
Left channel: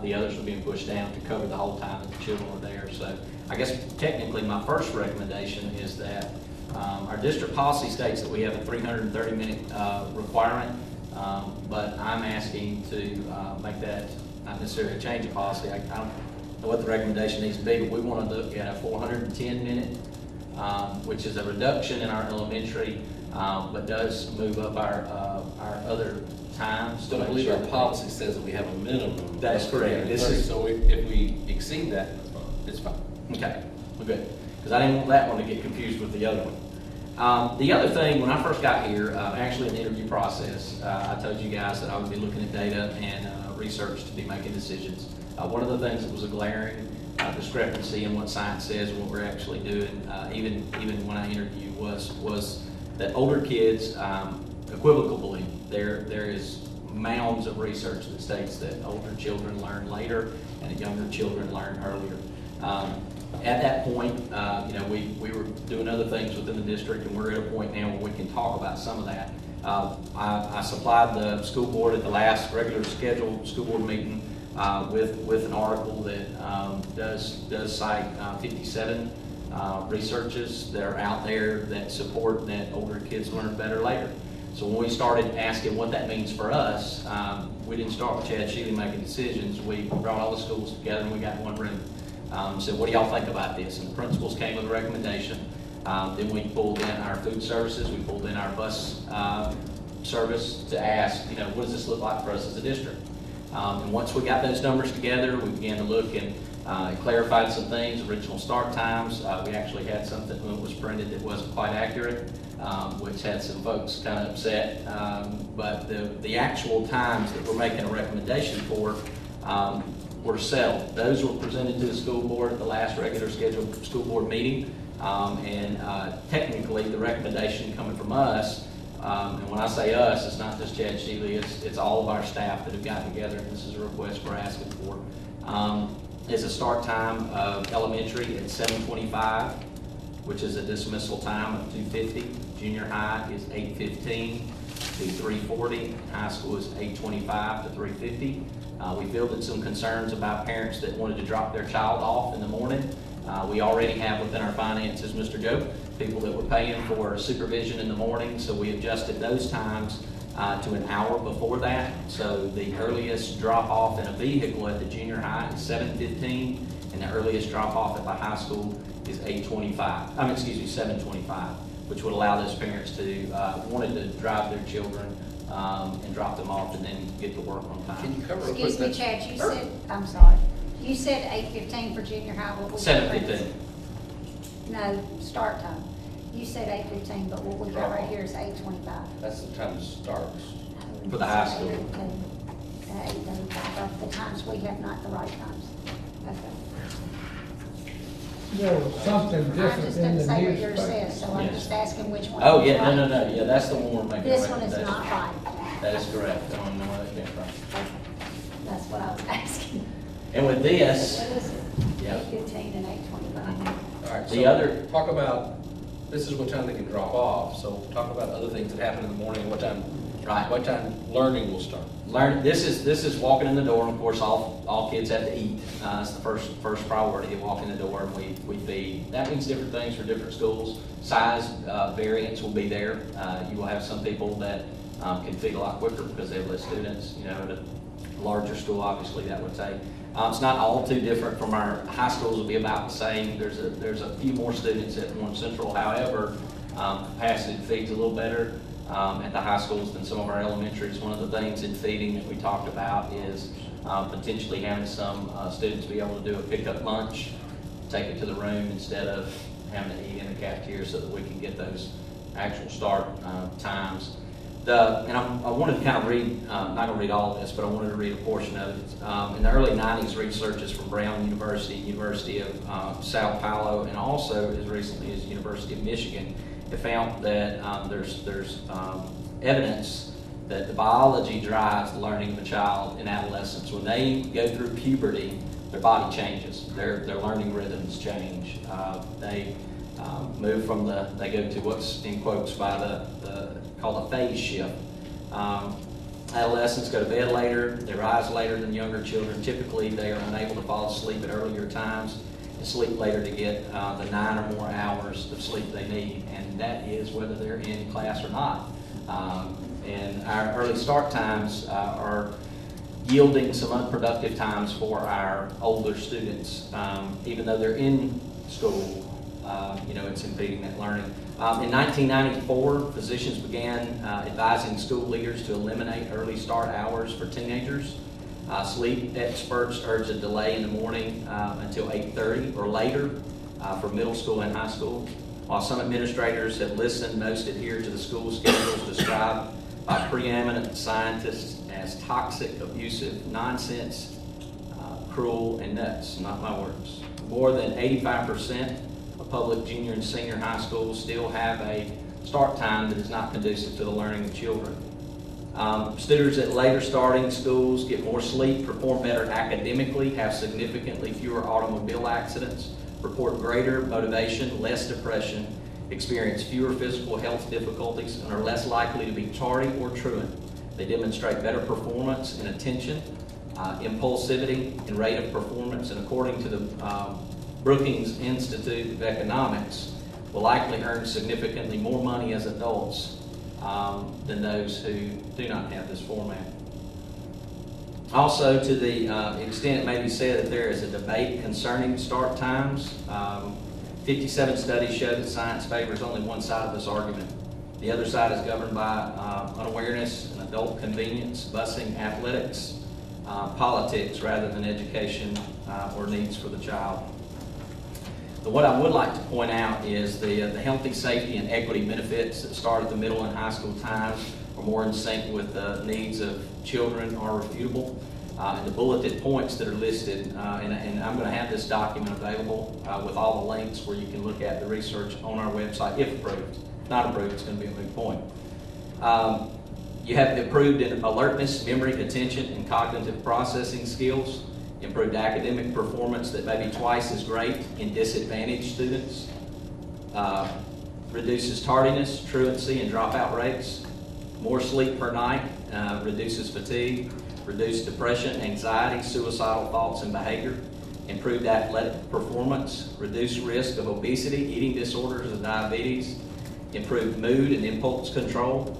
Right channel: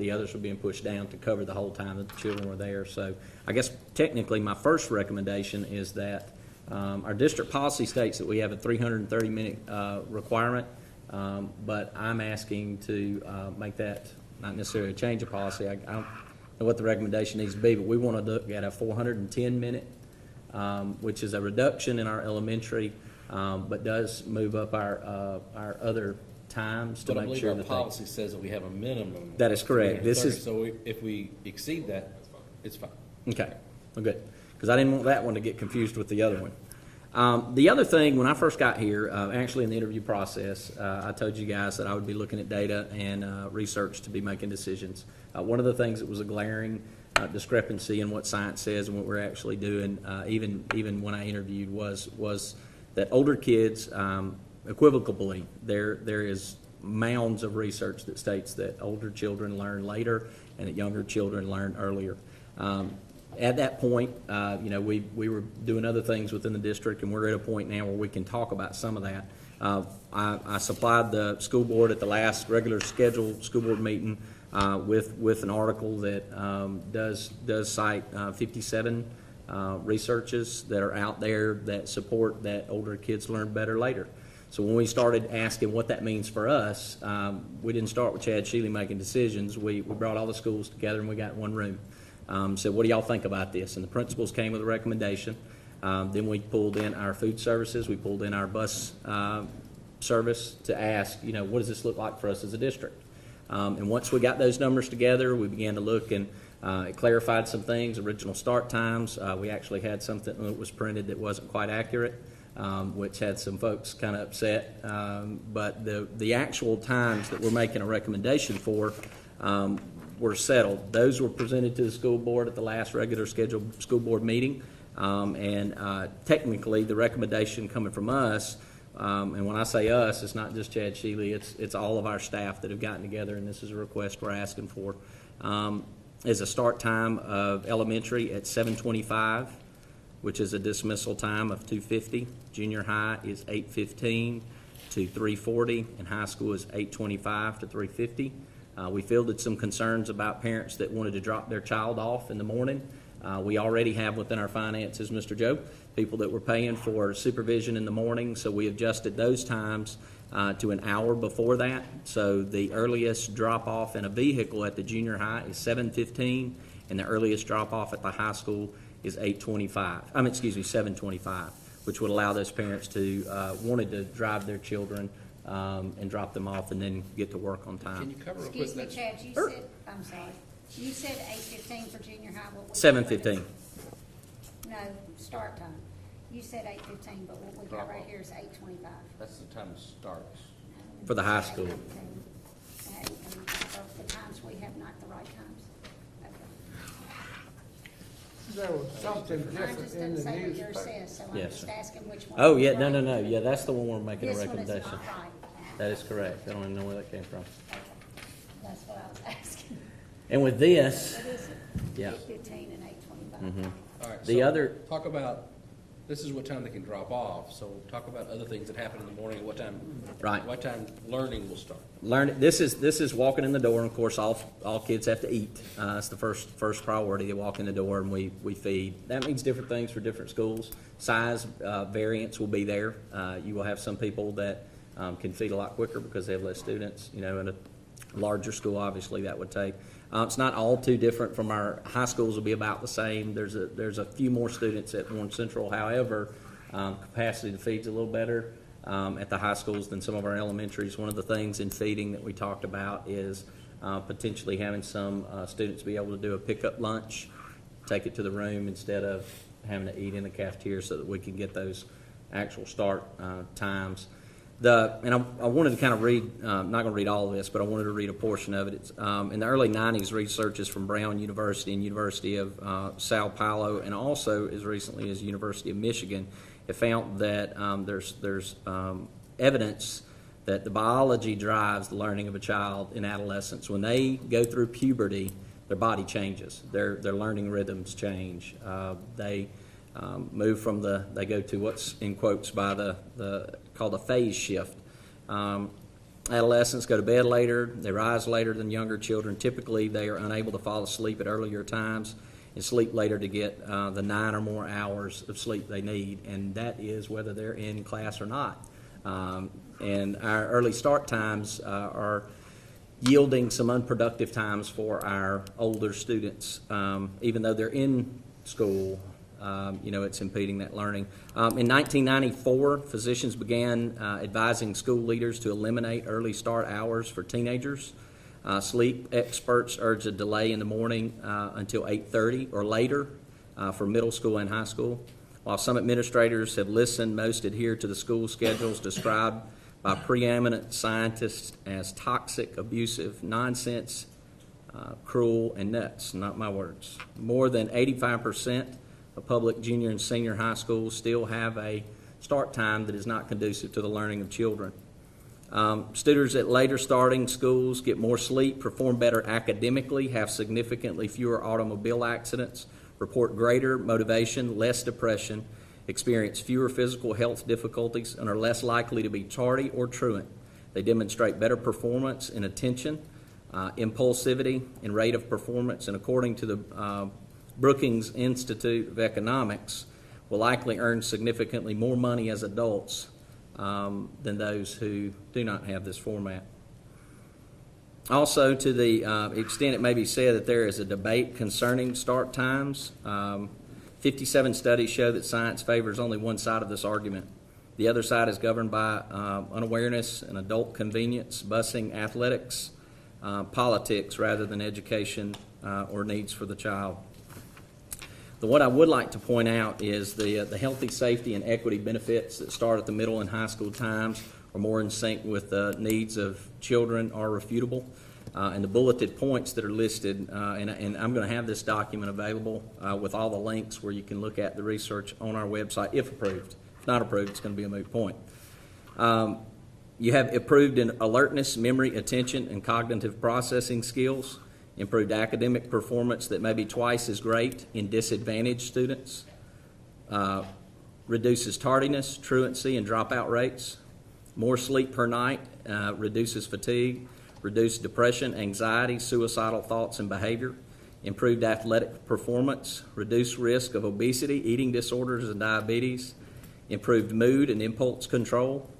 the others are being pushed down to cover the whole time that the children were there. So I guess technically my first recommendation is that our district policy states that we have a 330-minute requirement, but I'm asking to make that not necessarily a change of policy. I don't know what the recommendation needs to be, but we want to look at a 410-minute, which is a reduction in our elementary, but does move up our other times. So I believe our policy says that we have a minimum. That is correct. This is, So if we exceed that, it's fine. okay, we're good. Because I didn't want that one to get confused with the other one. The other thing, when I first got here, actually in the interview process, I told you guys that I would be looking at data and research to be making decisions. One of the things that was a glaring discrepancy in what science says and what we're actually doing, even when I interviewed, was that older kids, equivocally, there is mounds of research that states that older children learn later and younger children learn earlier. At that point, we were doing other things within the district, and we're at a point now where we can talk about some of that. I supplied the school board at the last regular scheduled school board meeting with an article that does cite 57 researches that are out there that support that older kids learn better later. So when we started asking what that means for us, we didn't start with Chad Shealy making decisions. We brought all the schools together and we got in one room. Said, what do y'all think about this? And the principals came with a recommendation. Then we pulled in our food services, we pulled in our bus service to ask, what does this look like for us as a district? And once we got those numbers together, we began to look and clarified some things, original start times. We actually had something that was printed that wasn't quite accurate, which had some folks kind of upset. But the actual times that we're making a recommendation for were settled. Those were presented to the school board at the last regular scheduled school board meeting. And technically, the recommendation coming from us, and when I say us, it's not just Chad Shealy, it's all of our staff that have gotten together, and this is a request we're asking for. Is a start time of elementary at 7:25, which is a dismissal time of 2:50. Junior high is 8:15 to 3:40. High school is 8:25 to 3:50. We fielded some concerns about parents that wanted to drop their child off in the morning. We already have within our finances, Mr. Joe, people that were paying for supervision in the morning, so we adjusted those times to an hour before that. So the earliest drop-off in a vehicle at the junior high is 7:15, and the earliest drop-off at the high school is 7:25, which would allow those parents to wanted to drive their children and drop them off and then get to work on time. Can you cover real Excuse quick? me, Chad, you said, I'm sorry, you said 8:15 for junior high. What was the 7:15. difference? No, start time. You said 8:15, but what we got right here is 8:25. That's the time it starts. For the high school. 8:25, the times we have not the right times. Okay. No, something I different just in didn't the say what yours newspaper. says, so I'm just asking which one. Oh, is yeah, right. no, yeah, that's the one we're making a This one is recommendation. not right. That is correct. I don't know what that's right. Okay. That's what I was asking. And with this, What is it? Yeah. 8:15 and 8:25. All right, The so other- talk about, this is what time they can drop off, so talk about other things that happen in the morning, what time learning will start. this is walking in the door, and of course, all kids have to eat. It's the first priority, to walk in the door and we feed. That means different things for different schools. Size variance will be there. You will have some people that can feed a lot quicker because they have less students. At a larger school, obviously, that would take. It's not all too different from our high schools. Will be about the same. There's a few more students at Warren Central. However, capacity feeds a little better at the high schools than some of our elementaries. One of the things in feeding that we talked about is potentially having some students be able to do a pickup lunch, take it to the room instead of having to eat in the cafeteria so that we can get those actual start times. And I wanted to kind of read, I'm not going to read all of this, but I wanted to read a portion of it. In the early 90s, researchers from Brown University and University of Sao Paulo, and also as recently as University of Michigan, have found that there's evidence that the biology drives the learning of a child in adolescence. When they go through puberty, their body changes, their learning rhythms change. They move from they go to what's in quotes by called a phase shift. Adolescents go to bed later, they rise later than younger children. Typically, they are unable to fall asleep at earlier times and sleep later to get the 9 or more hours of sleep they need, and that is whether they're in class or not. And our early start times are yielding some unproductive times for our older students. Even though they're in school, it's impeding that learning. In 1994, physicians began advising school leaders to eliminate early start hours for teenagers. Sleep experts urge a delay in the morning until 8:30 or later for middle school and high school. While some administrators have listened, most adhere to the school schedules described by preeminent scientists as toxic, abusive, nonsense, cruel, and nuts. Not my words. More than 85% of public junior and senior high schools still have a start time that is not conducive to the learning of children. Students at later starting schools get more sleep, perform better academically, have significantly fewer automobile accidents, report greater motivation, less depression, experience fewer physical health difficulties, and are less likely to be tardy or truant. They demonstrate better performance in attention, impulsivity, and rate of performance, and according to the Brookings Institute of Economics, will likely earn significantly more money as adults than those who do not have this format. Also, to the extent it may be said that there is a debate concerning start times, 57 studies show that science favors only one side of this argument. The other side is governed by unawareness and adult convenience, busing, athletics, politics, rather than education or needs for the child. But what I would like to point out is the healthy, safety, and equity benefits that start at the middle and high school times are more in sync with the needs of children are refutable. And the bulleted points that are listed, and I'm going to have this document available with all the links where you can look at the research on our website if approved. If not approved, it's going to be a moot point. You have improved in alertness, memory, attention, and cognitive processing skills, improved academic performance that may be twice as great in disadvantaged students, reduces tardiness, truancy, and dropout rates, more sleep per night, reduces fatigue, reduced depression, anxiety, suicidal thoughts and behavior, improved athletic performance, reduced risk of obesity, eating disorders, and diabetes, improved mood and impulse control,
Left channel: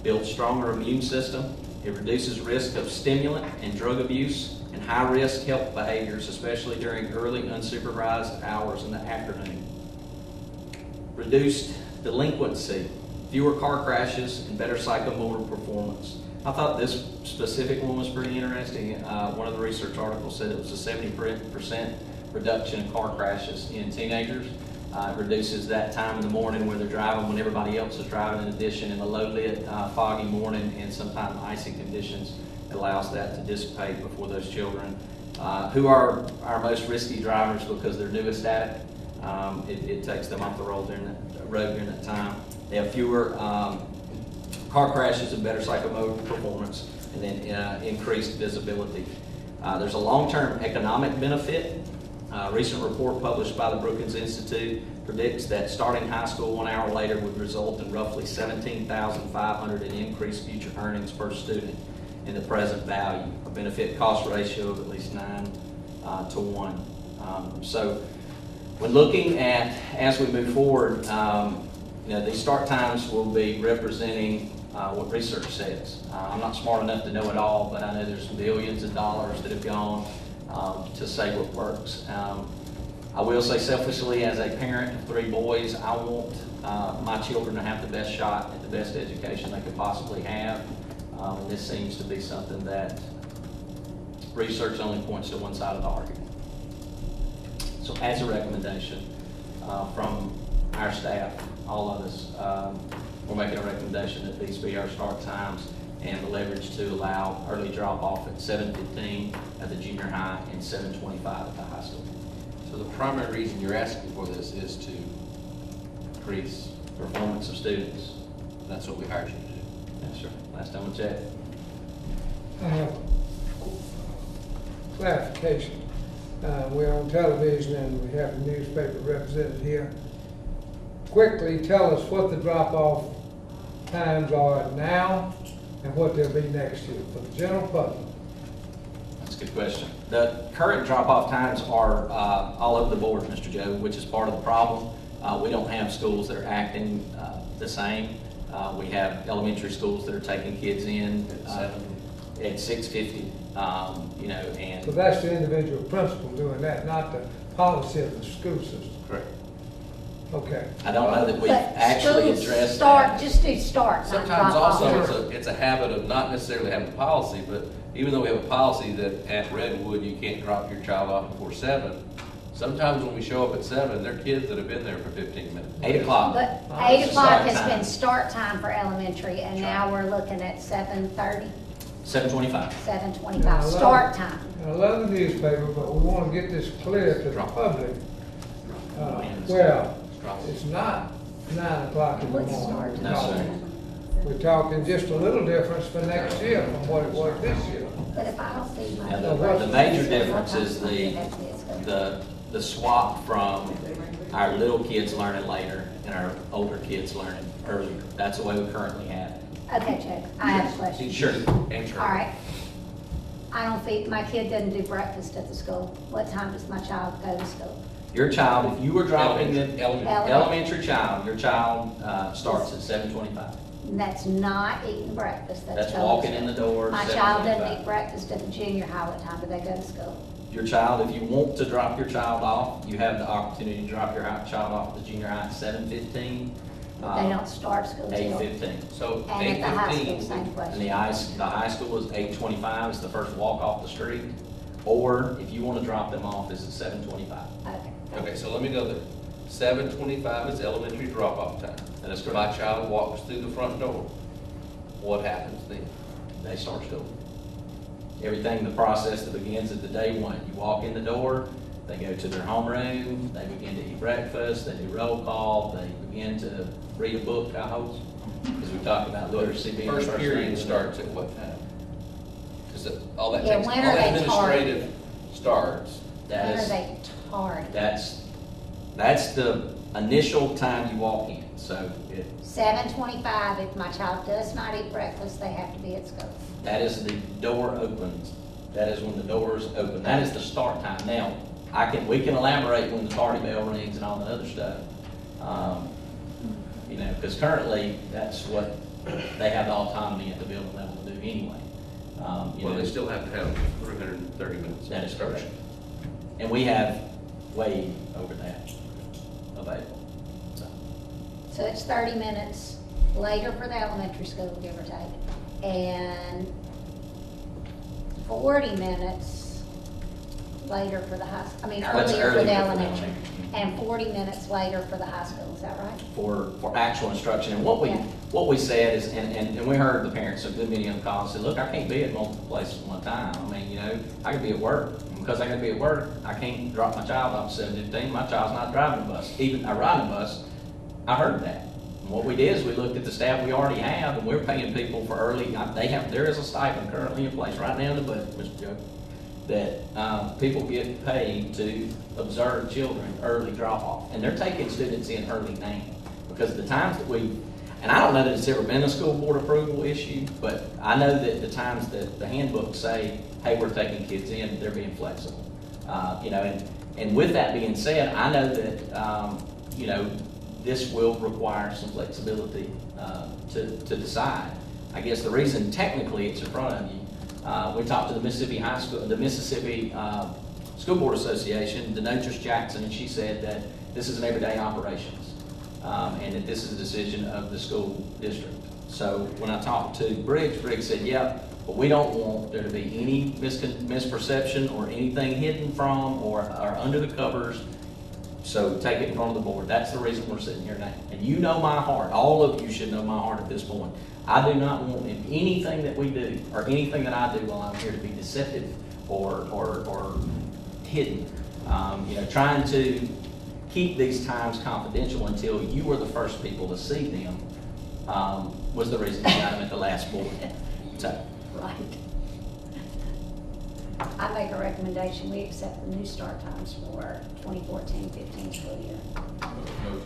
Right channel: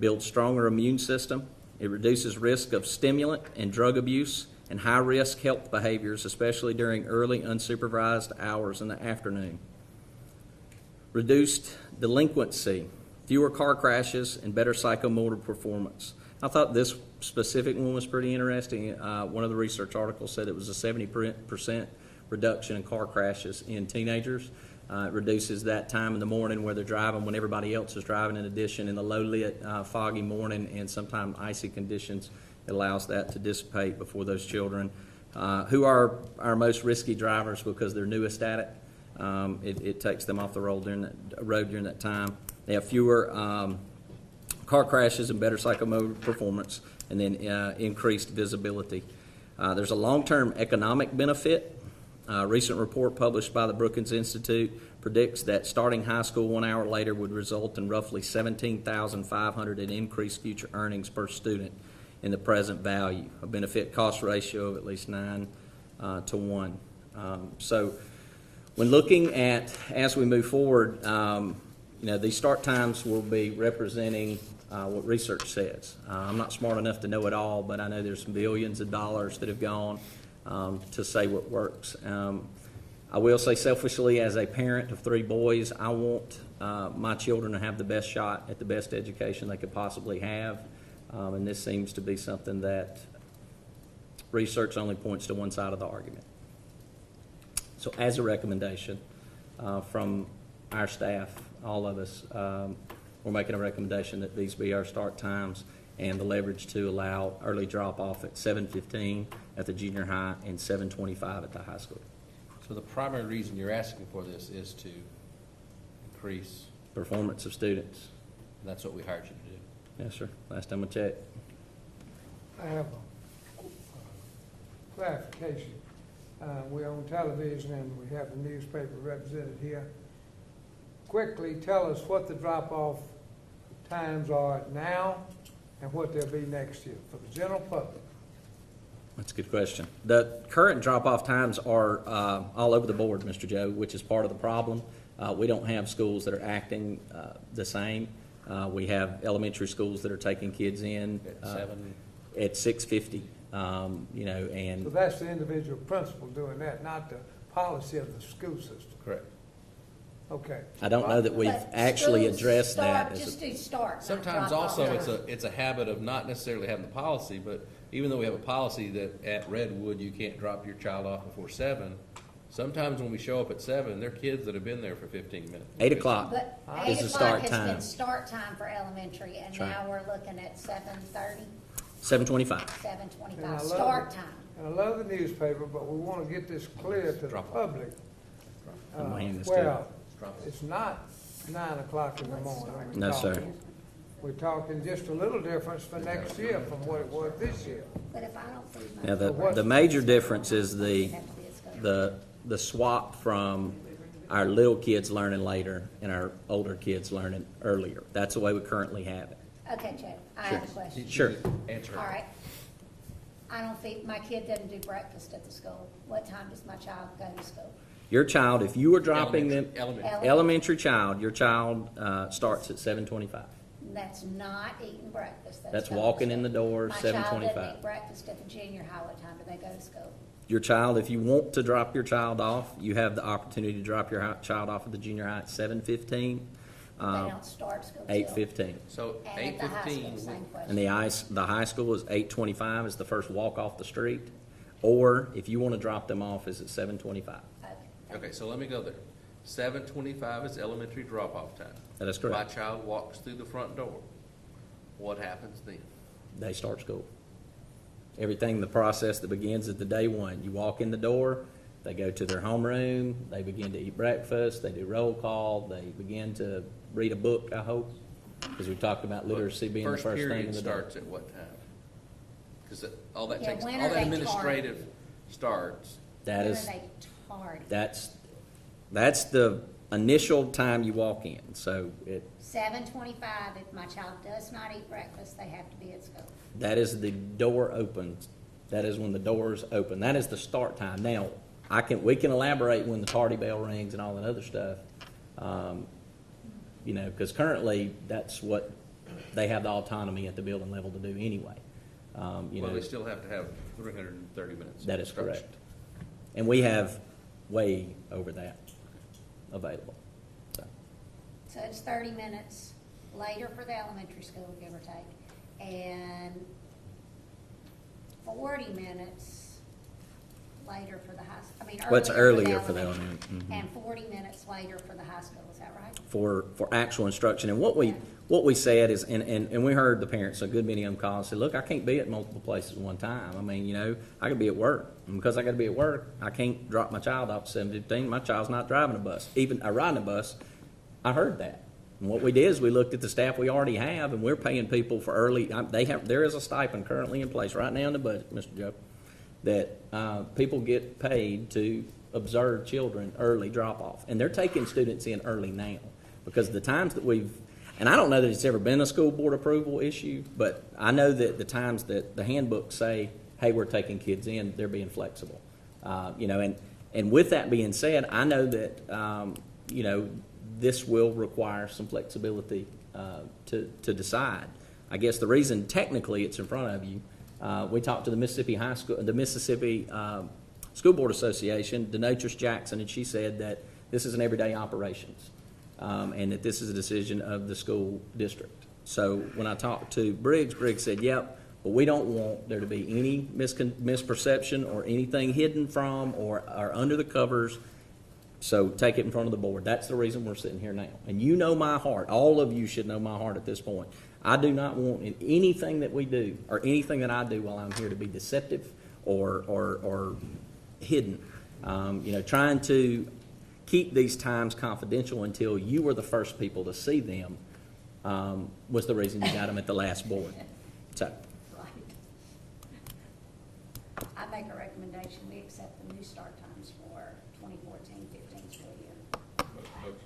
builds stronger immune system. It reduces risk of stimulant and drug abuse and high-risk health behaviors, especially during early unsupervised hours in the afternoon. Reduced delinquency, fewer car crashes, and better psychomotor performance. I thought this specific one was pretty interesting. One of the research articles said it was a 70% reduction in car crashes in teenagers. It reduces that time in the morning where they're driving when everybody else is driving. In addition, in a low-lit, foggy morning and sometimes icy conditions, it allows that to dissipate before those children, who are our most risky drivers because they're newest at it. It takes them off the road during that time. They have fewer car crashes and better psychomotor performance, and then increased visibility. There's a long-term economic benefit. A recent report published by the Brookings Institute predicts that starting high school 1 hour later would result in roughly $17,500 in increased future earnings per student in the present value, a benefit cost ratio of at least 9 to 1. So when looking at, as we move forward, these start times will be representing what research says. I'm not smart enough to know it all, but I know there's billions of dollars that have gone to say what works. I will say selfishly, as a parent of 3 boys, I want my children to have the best shot at the best education they could possibly have. And this seems to be something that research only points to one side of the argument. So as a recommendation, from our staff, all of us, we're making a recommendation that these be our start times and the leverage to allow early drop-off at 7:15 at the junior high and 7:25 at the high school. So the primary reason you're asking for this is to increase, Performance of students. that's what we hired you to do. Yes, sir. Last time I checked. I have clarification. We're on television and we have a newspaper represented here. Quickly tell us what the drop-off times are now and what they'll be next year for the general public. That's a good question. The current drop-off times are all over the board, Mr. Joe, which is part of the problem. We don't have schools that are acting the same. We have elementary schools that are taking kids in at 6:50, you know, and. So that's the individual principal doing that, not the policy of the school system. Correct. Okay. I don't know that we've But actually schools addressed start, that. just do starts, not Sometimes drop off. also, it's a habit of not necessarily having a policy, but even though we have a policy that at Redwood, you can't drop your child off before 7, sometimes when we show up at 7, they're kids that have been there for 15 minutes. 8 o'clock. But It's 8 the o'clock start has time. been start time for elementary, and now we're looking at 7:30, 7:25. 7:25, start time. I love the newspaper, but we want to get this clear to the public. Man, Well, it's not 9 o'clock in the What's morning. start No, sir. time? We're talking just a little difference for next year from what it was this year. But if I don't see my. Yeah, the major difference is the swap from our little kids learning later and our older kids learning earlier. That's the way we currently have it. Okay, Chuck, I have a question. Sure. Answer. All right. I don't feed, my kid doesn't do breakfast at the school. What time does my child go to school? Your child, if you were dropping an Elementary. elementary child, your child starts at 7:25. And that's not eating breakfast, That's that's. walking in the door, My child doesn't 7:25. eat breakfast at the junior high. What time do they go to school? Your child, if you want to drop your child off, you have the opportunity to drop your child off at the junior high at 7:15. They don't start school till. 8:15. So And at the high school, 8:15, same And question. the high school is 8:25, is the first walk off the street. Or if you want to drop them off, it's at 7:25. Okay. okay, so let me know that 7:25 is elementary drop-off time. That is My correct. child walks through the front door. What happens then? They start school. Everything, the process that begins at the day one. You walk in the door, they go to their homeroom, they begin to eat breakfast, they do roll call, they begin to read a book, I hope. Because we're talking about literacy being the First period thing. starts at what time? Because all that Yeah, takes, all when are they administrative starts. That When are is, they hard? that's the initial time you walk in. So 7:25, if my child does not eat breakfast, they have to be at school. that is the door opens. That is when the doors open. That is the start time. Now, we can elaborate when the party bell rings and all the other stuff. You know, because currently, that's what they have the autonomy at the building level to do anyway. You Well, know, they still have to have 330 minutes. that is correct. And we have way over that available. So, So it's 30 minutes later for the elementary school, give or take, and 40 minutes later for the high, What's earlier for earlier the for the elementary, elementary? and 40 minutes later for the high school, is that right? for actual instruction. And what Yeah. we said is, and we heard the parents, a good many of them call and said, look, I can't be at multiple places at one time. I mean, you know, I could be at work. And because I gotta be at work, I can't drop my child off at 7:15. My child's not driving a bus. Even I ride a bus, I heard that. And what we did is we looked at the staff we already have, and we're paying people for early, there is a stipend currently in place right now in the budget, Mr. Joe, that people get paid to observe children early drop-off. And they're taking students in early now. Because the times that and I don't know that it's ever been a school board approval issue, but I know that the times that the handbooks say, hey, we're taking kids in, they're being flexible. You know, and with that being said, I know that, you know, this will require some flexibility to decide. I guess the reason technically it's in front of you, we talked to the Mississippi School Board Association, Denotris Jackson, and she said that this is an everyday operations, and that this is a decision of the school district. So when I talked to Briggs said, yep, but we don't want there to be any misperception or anything hidden from or under the covers. So take it in front of the board. That's the reason we're sitting here now. And you know my heart. All of you should know my heart at this point. I do not want anything that we do or anything that I do while I'm here to be deceptive or hidden. Trying to keep these times confidential until you were the first people to see them was the reason we got at the last board. So, Right. I make a recommendation, we accept the new start times for 2014-15 school year. Motion.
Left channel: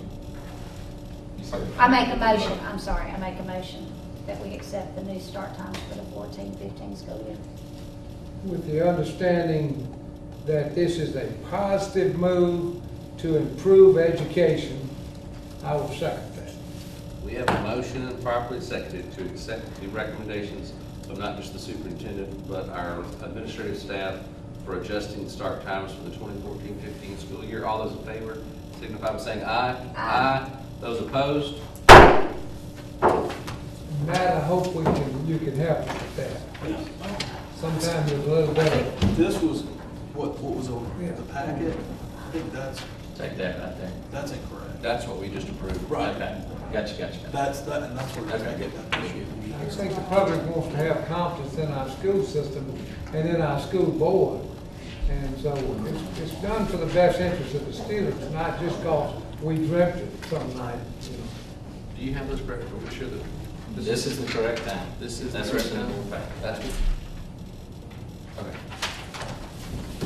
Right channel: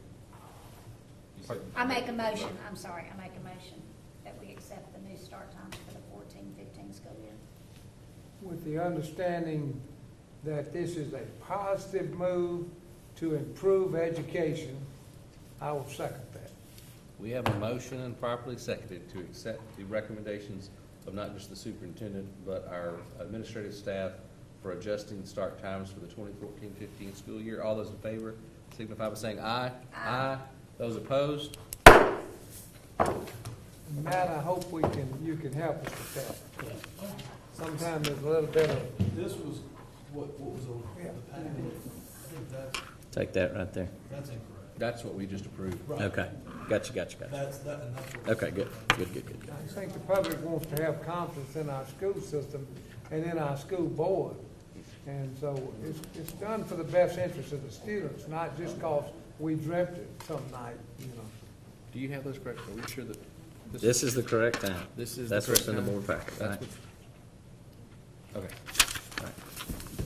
You said- I make a motion that we accept the new start times for the 14-15 school year. With the understanding that this is a positive move to improve education, I will second that. We have a motion and properly seconded to accept the recommendations of not just the superintendent, but our administrative staff for adjusting start times for the 2014-15 school year. All those in favor, signify by saying aye. Aye. Those opposed? Matt, I hope you can help us with that. Sometimes it's a little better. This was, what was over the packet? I think take that right there. that's incorrect. That's what we just approved. Right. Okay, gotcha. And that's where. Okay, good. I think the public wants to have confidence in our school system and in our school board. And so it's done for the best interest of the students, not just because we dreamt it some night, Do you have those correct? Are we sure that? This is the correct thing. This is. That's the correct reasonable number? fact. That's- Okay.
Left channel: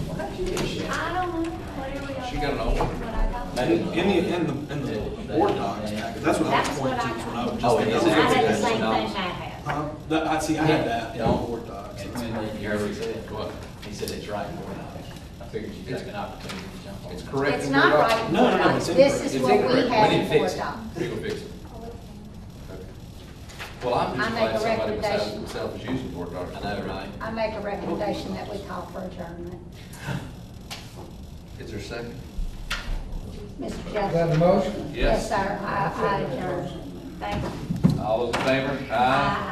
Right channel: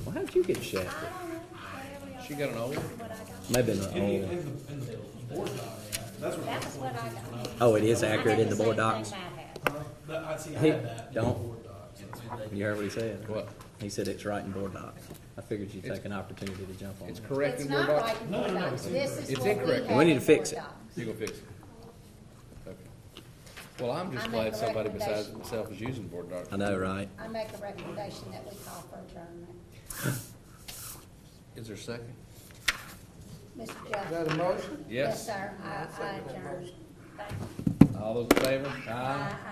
What did you get, Shay? I don't know, whatever y'all. She got an old one. What I got. Maybe. In the board docs, that's what I was That's what pointing I to when I was. Oh, it is. I had the Board same thing docs. I had. I see, I had that. Don't. Board docs. You heard what he said? What? He said it's right in board docs. I figured you guys got opportunity to jump on. It's correct. It's in not your right doc- in No, board no, docs. it's This incorrect. is It's what we incorrect. have We in didn't fix board it. docs. We will fix it. Okay. Well, I'm just I glad make a somebody besides recommendation. themselves is using board docs. I know, right? I make a recommendation that we call for adjournment. Is there a second? Mr. Is Jeff? that a motion? Yes. Yes, sir, I adjourn. Thank you. All those in favor? Aye.